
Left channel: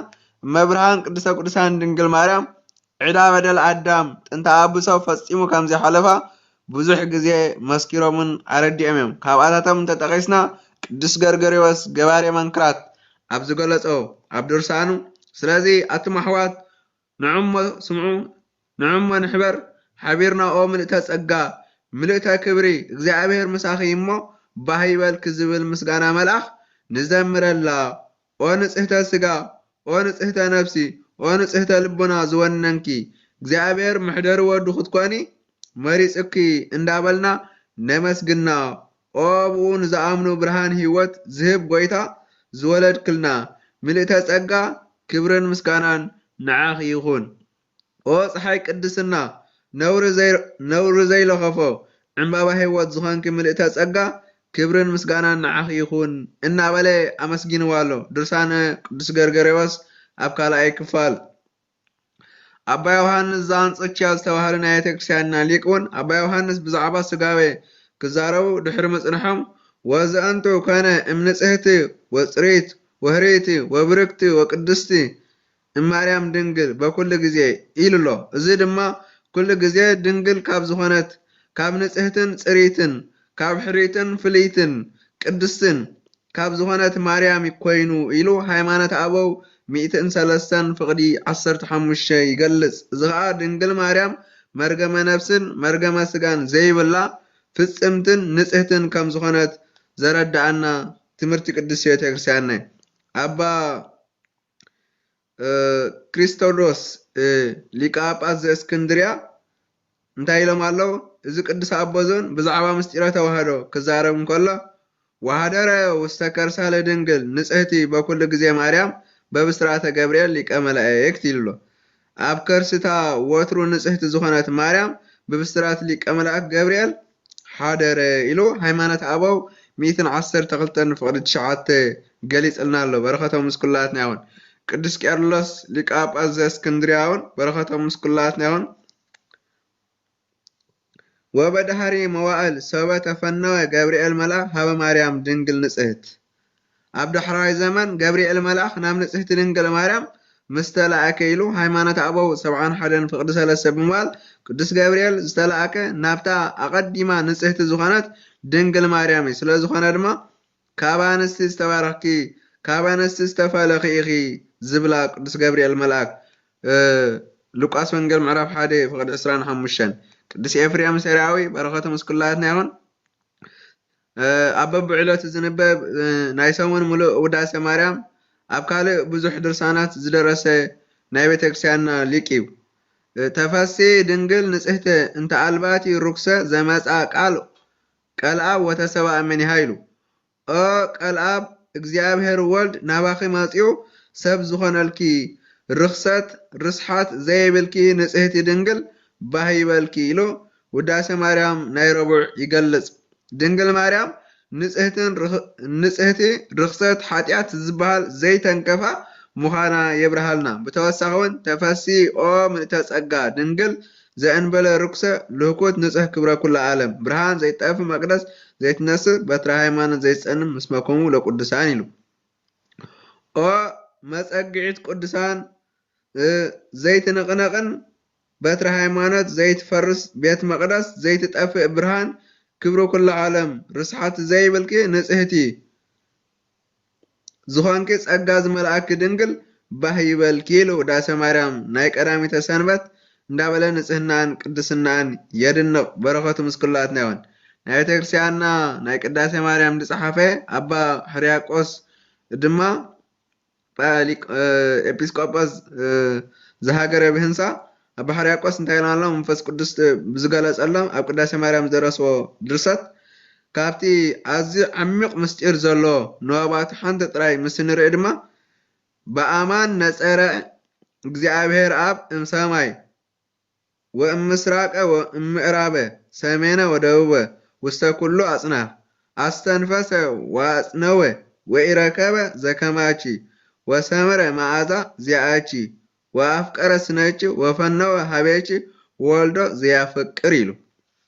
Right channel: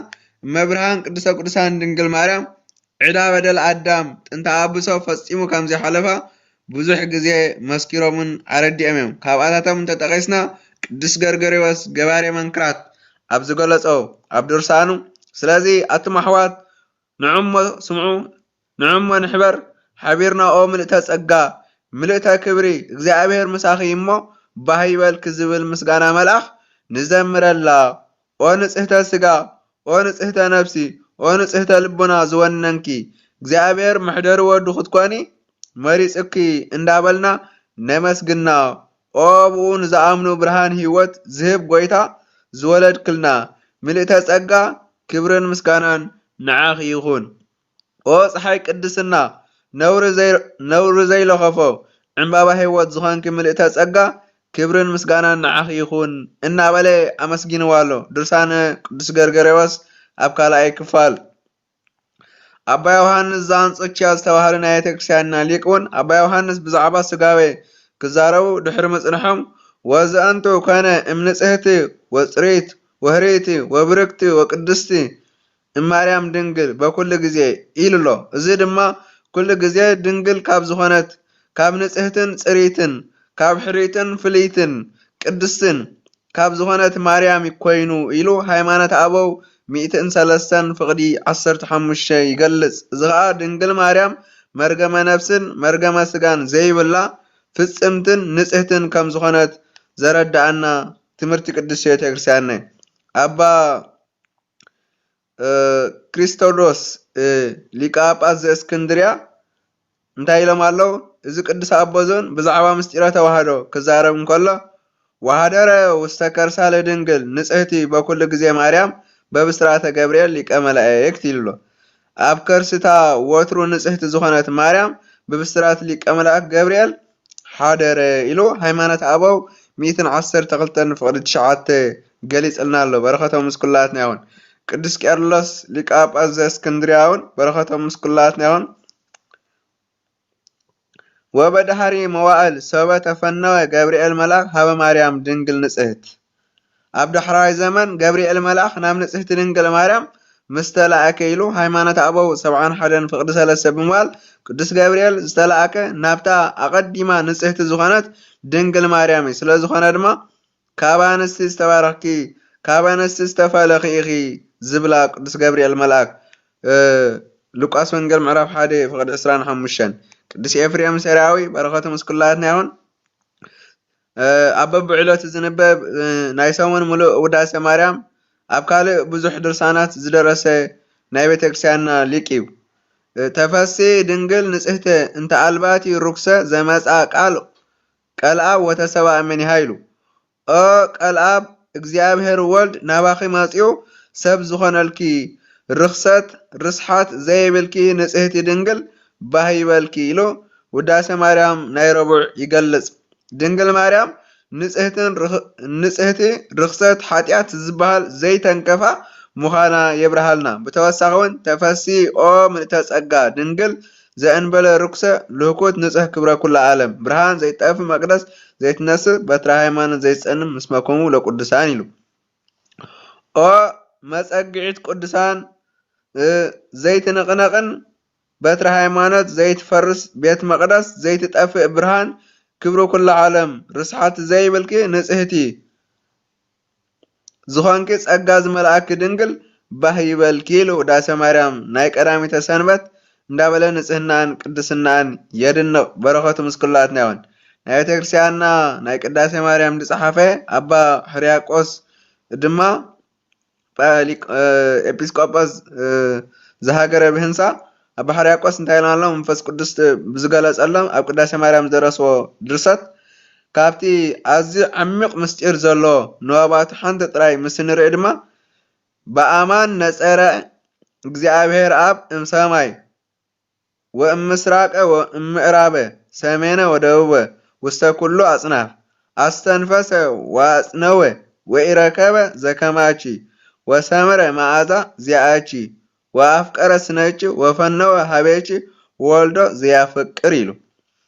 መብርሃን ቅድስተ ቅዱሳን ድንግል ማርያም ዕዳ በደል አዳም ጥንተ አብሶ ፈጺሙ ከም ዘይሓለፋ ብዙሕ ግዜ መስኪሮምን አረዲኦም እዮም። ካብኣታቶም እንተጠቒስና ቅዱስ ገርገርዮስ ገባሬ መንክራት ኣብ ዝገለጾ ኣብ ድርሳኑ ስለዚ ኣቱም ኣሕዋት ንዕሞ ስምዑ ንዕሞ ንሕበር ሓቢርና ኦ ምልእተ ጸጋ ምልእተ ክብሪ እግዚኣብሔር ምሳኺ እሞ ባህ ይበልክ ዝብል ምስጋና መልኣኽ ንዘምረላ ኦ ንጽህተ ስጋ ኦ ንጽህተ ነፍሲ ኦ ንጽህተ ልቡና ዝወነንኪ እግዚኣብሔር ምሕደሪ ወዱ ክትኮኒ መሪጽኪ እንዳበልና ነመስግና ኦ ብኡ ንዝኣምኑ ብርሃን ህይወት ዝህብ ጎይታ ዝወለድክልና ምልእተ ጸጋ ክብርን ምስጋናን ንዓኺ ይኹን። ኦ ፀሓይ ቅድስና ነውሪ ዘይለኸፎ ዕምባባ ህይወት ዝኾንኪ ምልእተ ጸጋ ክብርን ምስጋናን ንዓኺ ይኹን እናበለ ኣመስጊንዋ ኣሎ። ድርሳነ ቅዱስ ገርገርዮስ ኣብ ካልኣይ ክፋል አባ ዮሐንስ ዘአንጾኪያ ዝተባህለ ናይ ቤተክርስቲያንና ሊቅ እውን አባ ዮሐንስ ብዛዕባ ስጋዌ ክዛረቡ ድሕሪ ምጽንሖም ወዘአንቱ ኮነ እምንጽሕቲ ወጽሬት ወህሬት ወብርክቲ ወቅድስቲ እማርያም ድንግል በኩሉ ግዜ ኢሉሎ። እዚ ድማ ኩሉ ግዜ ድንግል ካብ ዝኾነት ካብ ንጽሕትን ጽሬትን ካብ ሕሪትን ፍልይትን ቅድስትን ካብ ዝኾነት ማርያም ይኮይኑ ኢሉ ሃይማኖት አበው 103 ፍቅዲ 15 ይገልጽ። እዚ ከዓ ድንግል ማርያም መርገመ ነፍስን መርገመ ስጋን ዘይብላ ፍጽምትን ንጽሕትን ከም ዝኾነት ዘረዳአና ትምህርቲ ቅዱስ ቤተክርስቲያን እዩ። አባ ክሪስቶዶስ ሊቀ ጳጳስ ዘእስክንድርያ እንታይ ኢሎም ኣለው? እዚ ቅዱስ ኣቦዞን ብዛዕባ ምስጢረ ተዋህዶ ክዛረብ እንከሎ ወሃደረ ውስተ ከርሳ ለድንግል ንጽሕቲ በኩሉ ግዜ ማርያም በብስራተ ገብርኤል ሊቀ መላእክት ይብሎ። ኣብ ከርስታ ወትሩ ንጽሕቲ ዝኾነት ማርያም በብስራት ሊቀ መላእክት ገብርኤል ሓደረ ኢሉ ሃይማኖት አበው 112 ፍቅዲ 9 ገሊጽልና ኣሎ። በረኸቶም ምስኩላትና ይኹን። ቅዱስ ቄርሎስ ሊቀ ጳጳስ ዘእስክንድርያ እውን በረኸቶም ምስኩላትና ይኹን። ወበድሃሪ መዋዕል ሰበ ተፈነወ ገብርኤል መልአክ ሃበ ማርያም ድንግል ንጽሕት። ኣብ ዳሕራይ ዘመን ገብርኤል መልአክ ናብ ንጽሕቲ ድንግል ማርያም ምስ ተላእከ ኢሉ ሃይማኖት አበው 71 ፍቅዲ 3 ብምባል ቅዱስ ገብርኤል ዝተላእከ ናብታ ኣቐዲማ ንጽሕቲ ዝኾነት ድንግል ማርያም እዩ። ስለ ዝኾነ ድማ ካብ ኣንስቲ ዝተባረኽኪ ካብ ኣንስቲ ዝተፈለኺ ኢኺ ዝብላ ቅዱስ ገብርኤል መልአክ ሉቃስ ወንጌል ምዕራፍ 1 ፍቅዲ 25። ቅዱስ ኤፍሬም ሰራዊ በረኸቱ ምስኩላትና ይኹን። ኣብ በብዕለቱ ዝንበብ ናይ ሰሙን ሙሉእ ውዳሴ ማርያም ኣብ ካልእ ብዙሕ ድርሳናት ዝደረሰ ናይ ቤተክርስቲያንና ሊቅ እዩ። ተፈሲ ድንግል ንጽሕቲ እንተ ኣልባቲ ርኩሰ ዘመጻ ቃል ቀልኣብ ወተሰብአ መኒሃ ኢሉ። ኦ ቀልኣብ እግዚኣብሔር ወልድ ናባኺ መጺኡ ሰብ ዝኾነልኪ ርክሰት ርስሓት ዘይብልኪ ንጽሕቲ ድንግል ባህ ይበልኪ ኢሉ ውዳሴ ማርያም ናይ ረቡዕ ይገልጽ። ድንግል ማርያም ንጽሕቲ ርክሰት ሓጢአት ዝበሃል ዘይተንከፋ ምዃና የብርሃልና። ብተወሳኺ እውን ተፈሲ ኦ ምልእተ ጸጋ ድንግል ዘእንበለ ርኩሰ ልህኩት ንጽህ ክብረ ኩሉ ዓለም ብርሃን ዘይጠፍ መቅደስ ዘይትነስእ በትረ ሃይማኖት ዘይጸንም ምስመኮሙ ለቅዱሳን ኢሉ ኦ መጸግዒት ቅዱሳን ዘይትንቕነቕን በትረ ሃይማኖት ዘይትፈርስ ቤት መቅደስ ዘይትጠፍእ ብርሃን ክብረ ኩሉ ዓለም ርስሓት ዘይብልኪ ንጽህቲ ዝኾንኪ ጸጋ ዝመልአኪ ድንግል ባህ ይበልኪ ኢሉ ውዳሴ ማርያም ናይ ቀዳሚተ ሰንበት እንዳበለ ንጽህናን ቅድስናን የድንቕ በረኸቱ ምስኩላትና ይሆን። ናይ ቤተ ክርስቲያንና ናይ ቅዳሴ ማርያም ዝጸሓፈ አባ ሕርያቆስ ድማ ኤጲስቆጶስ ዝሃገረ ብህንሳ አባ ሕርያቆስ እንታይ ኢልና ኣሎ መንፈስ ቅዱስ ብዝገለጸሎም ኣብ ቅዳሴ ማርያም ዝደረስዎ ድርሰት ካብቲ ኣዝዩ ዓሚቕ ምስጢር ዘሎ ንዋባቱ ሓንቲ ጥራይ ምስ ንርኢ ድማ በአማን ነጸረ እግዚአብሔር አብ እምሰማይ ወእምስራቀ ወእምዕራበ ሰሜነ ወደቡበ ውስተ ኩሉ አጽናፍ አስተንፈሰ ወአጽነወ ወኢረከበ ዘከማቺ ወሰመረ መዓዛ ዚአቺ ወአፍቀረ ስነቺ ወፈነወ ሀቤቺ ወልዶ ዘያፈቅር ኢሉ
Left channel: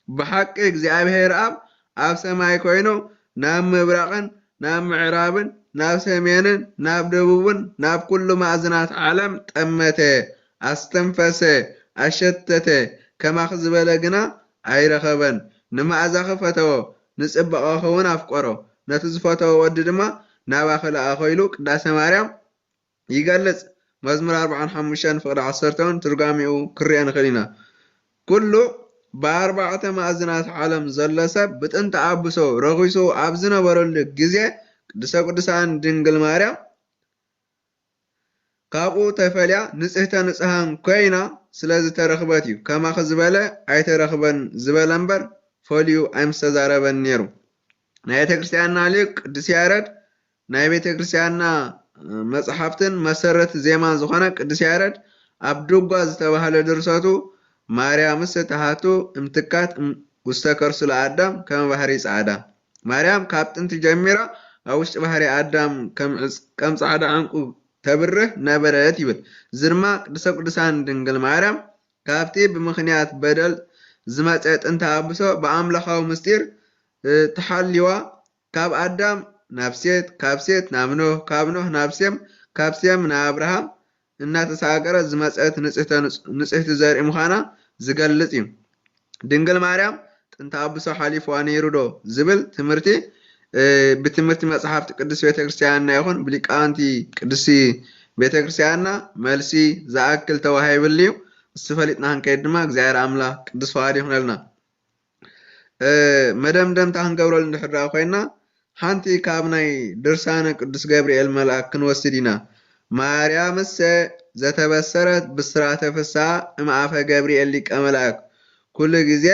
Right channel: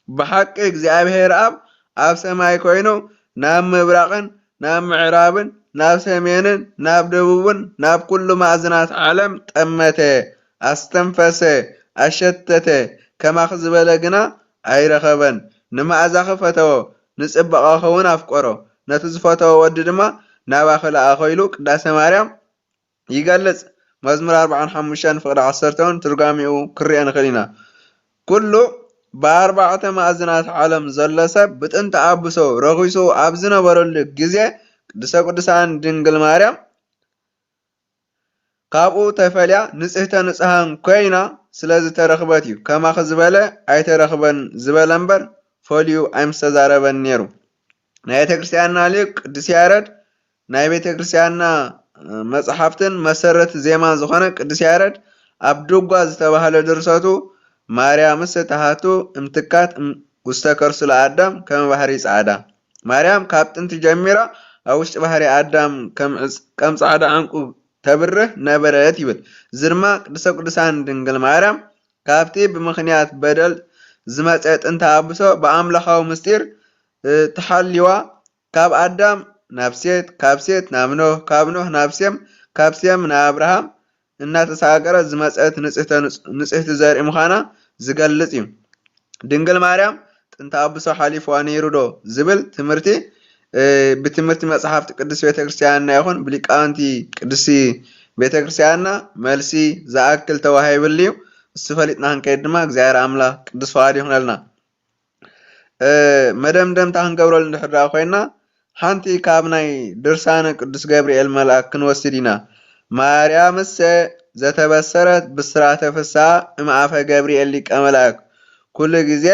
ብሓቂ እግዚአብሔር ኣብ ሰማይ ኮይኑ ናብ ምብራቕን ናብ ምዕራብን ናብ ሰሜንን ናብ ደቡብን ናብ ኩሉ ማዕዝናት ዓለም ጠመተ አስተንፈሰ አሸተተ ከማኽ ዝበለ ግና ኣይረኸበን ንማዕዛኺ ፈተዎ ንጽባቐኺ እውን ኣፍቆሮ ነቲ ዝፈተዎ ወዲ ድማ ናባኺ ለኣኾ ኢሉ ቅዳሴ ማርያም ይገልጽ። መዝሙር 45 ፍቅዲ 10 ትርጓሚኡ ክርአ ንኽእል ኢና። ኩሉ ብኣርባዕተ ማዕዝናት ዓለም ዘሎ ሰብ ብጥንቲ ኣብሶ ረኺሱ ኣብ ዝነበረሉ ግዜ ቅድስተ ቅዱሳን ድንግል ማርያም ካብኡ ተፈልያ ንጽህተ ንጽሃን ኮይና ስለዝተረኽበት እዩ። ከማኺ ዝበለ ኣይተረኽበን ዝበለ እምበር ፈልዩ ኣይምስተዛረበን ነይሩ። ናይ ቤተ ክርስቲያንና ሊቅ ቅዱስ ያሬድ ናይ ቤተ ክርስቲያንና መጽሓፍትን መሰረት ዜማን ዝኾነ ቅዱስ ያሬድ ኣብ ድጓ ዝተባህለ ድርሰቱ ማርያምስ ተሃቱ እምትካት ውስተ ከርሱ ለአዳም ከም ባህሪ ጻዕዳ ማርያም ካብ ጥንቲ ጀሚራ ኣብ ውሽጢ ባህሪ አዳም ከም ጻዕዳ ዕንቁ ተብርህ ነበረት ይብል። እዚ ድማ ቅድስተ ቅዱሳን ድንግል ማርያም ካብቲ ብምኽንያት በደል ዝመጸ ጥንተ ኣብሶ ብኣምላኻዊ ምስጢር ተሓልዋ ካብ አዳም ናብ ሴት ካብ ሴት ናብ ኖህ ካብ ኖህ ናብ ሴም ካብ ሴም ናብ አብርሃም እናተሳገረ ዝመጸት ንጽሕቲ ዘርኢ ምዃና ዝገልጽ እዩ። ድንግል ማርያም ጥንተ ኣብሶ ሓሊፍዋ ነይሩ ዶ ዝብል ትምህርቲ ብትምህርቲ መጽሓፍቲ ቅዱስ ቤተክርስቲያንና ይኹን ብሊቃውንቲ ቅዱስ ቤተክርስቲያንና መልሲ ዝኣክል ተዋሂብሉ እዩ። እሱ ፈሊጥና ክንከይድ ድማ እግዚአብሔር ኣምላኽ ቅዱስ ፈቃዱ ይኹነልና። መደምደምታ ክንገብረሉ እንድሕር ኮይና ሓንቲ ካብ ናይ ድርሳነ ቅዱስ ገብርኤል መልአክ ክንወስድ ኢና። ማርያምሰ ዘተበሰረት ብስራተ ፍስሓ እምአፈ ገብርኤል ሊቀ መላእክ ኩሉ ግዜ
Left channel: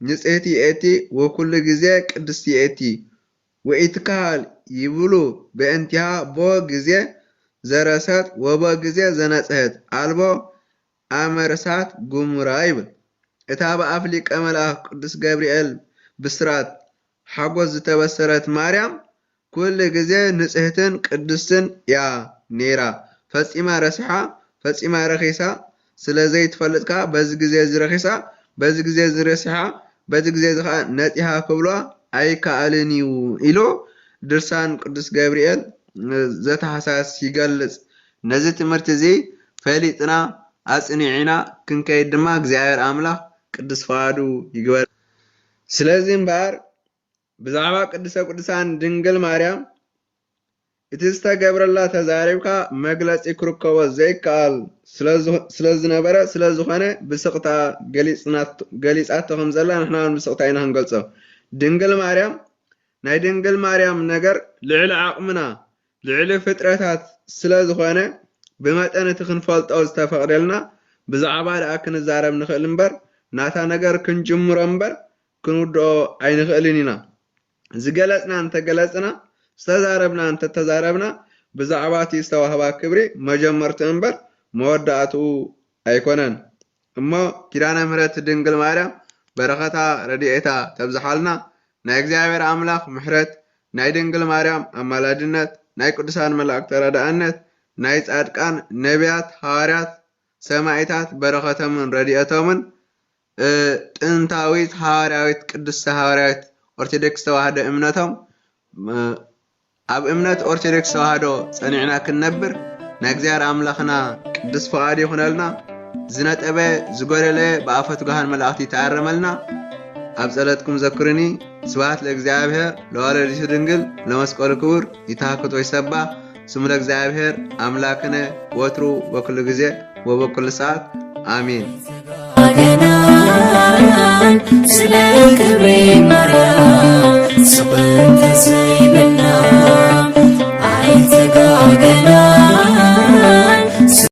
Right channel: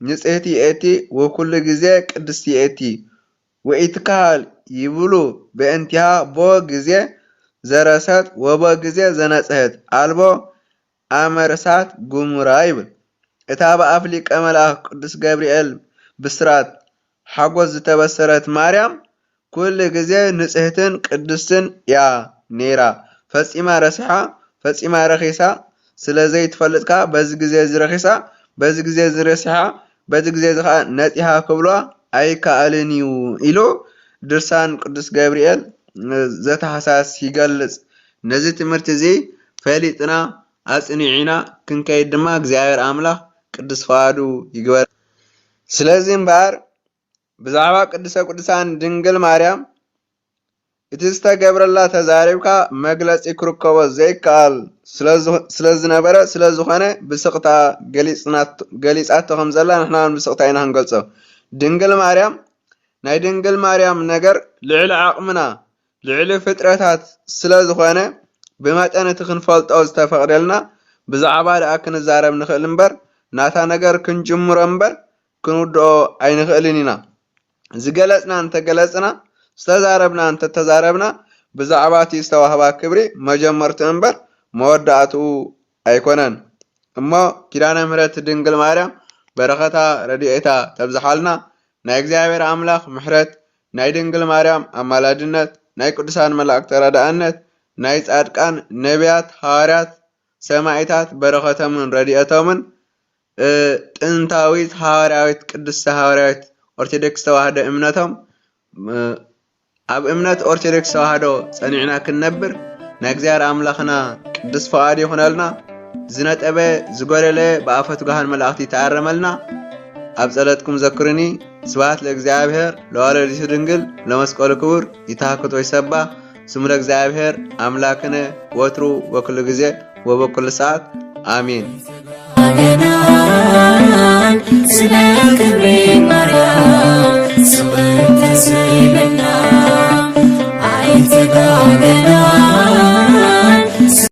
ንጽሕቲ እቲ ወኩሉ ግዜ ቅድስቲ እቲ ወኢትካል ይብሉ በእንቲሃ ቦ ግዜ ዘረሰት ወቦ ግዜ ዘነጽሕት አልቦ ኣመርሳት ጉሙራ ይብል። እታ በኣፍ ሊቀ መላእክ ቅዱስ ገብርኤል ብስራት ሓጎስ ዝተበሰረት ማርያም ኩሉ ግዜ ንጽሕትን ቅድስትን እያ ነይራ። ፈጺማ ረሲሓ ፈጺማ ረኺሳ ስለዘይትፈልጥካ በዚ ግዜ ዝረኺሳ በዚ ግዜ ዝረሲሓ በዚ ግዜ ዝኻ ነጢሃ ክብሏ ኣይከኣልን እዩ ኢሉ ድርሳን ቅዱስ ገብርኤል ዘተሓሳስ ይገልጽ። ነዚ ትምህርቲ እዚ ፈሊጥና ኣጽኒዕና ክንከይድ ድማ እግዚአብሔር ኣምላኽ ቅዱስ ፈቃዱ ይግበር። ስለዚ እምበር ብዛዕባ ቅድስተ ቅዱሳን ድንግል ማርያም እቲ ዝተገብረላ ተዛሪብካ መግለጺ ክርከቦ ዘይከኣል ስለዝነበረ ስለዝኾነ ብስቕታ ገሊጻቶ ከም ዘላ ንሕና ብስቕታ ኢና ክንገልጾ። ድንግል ማርያም ናይ ድንግል ማርያም ነገር ልዕሊ ዓቕምና ልዕሊ ፍጥረታት ስለዝኾነ ብመጠን እቲ ክንፈልጦ ዝተፈቕደልና ብዛዕባ ደኣ ክንዛረብ ንኽእል እምበር ናታ ነገር ክንጅምሮ እምበር ክንውድኦ ኣይንኽእልን ኢና። ዝገለጽና እንተገለጽና ዝተዛረብና እንተተዛረብና ብዛዕባ እቲ ዝተዋህባ ክብሪ መጀመርቱ እምበር መወዳእትኡ ኣይኮነን እሞ ኪዳነ ምሕረት ድንግል ማርያም በረኸታ ረድኤታ ተብዝሓልና ናይ እግዚአብሔር ኣምላኽ ምሕረት ናይ ድንግል ማርያም ኣማላድነት ናይ ቅዱሳን መላእክቲ ተራዳእነት ናይ ጻድቃን ነቢያት ሃዋርያት ሰማዕታት በረኸቶምን ረድኤቶምን ጥንታዊት ሐዋርያዊት ቅድስት ሐዋርያዊት ኦርቶዶክስ ተዋህዶ እምነቶም ኣብ እምነት ኦርቶዶክስ ተዋህዶ ጸኒዕና ክንነብር ናይ እግዚአብሔር አምላኽና ቅዱስ ፈቃድ ይኹነልና ዝነጠበ ዝጎለለ በአፈት ጋሃን መላእክት ይተአረመልና ኣብ ጸሎትኩም ዘክሩኒ ስብሐት ለእግዚአብሔር ለወላዲቱ ድንግል ለመስቀሉ ክቡር ይታከቶ ይሰባ ስሙ ለእግዚአብሔር አምላክነ ወትሩ ወኩሉ ጊዜ ወበኩሉ ሰዓት አሜን። ስለ ክብሬ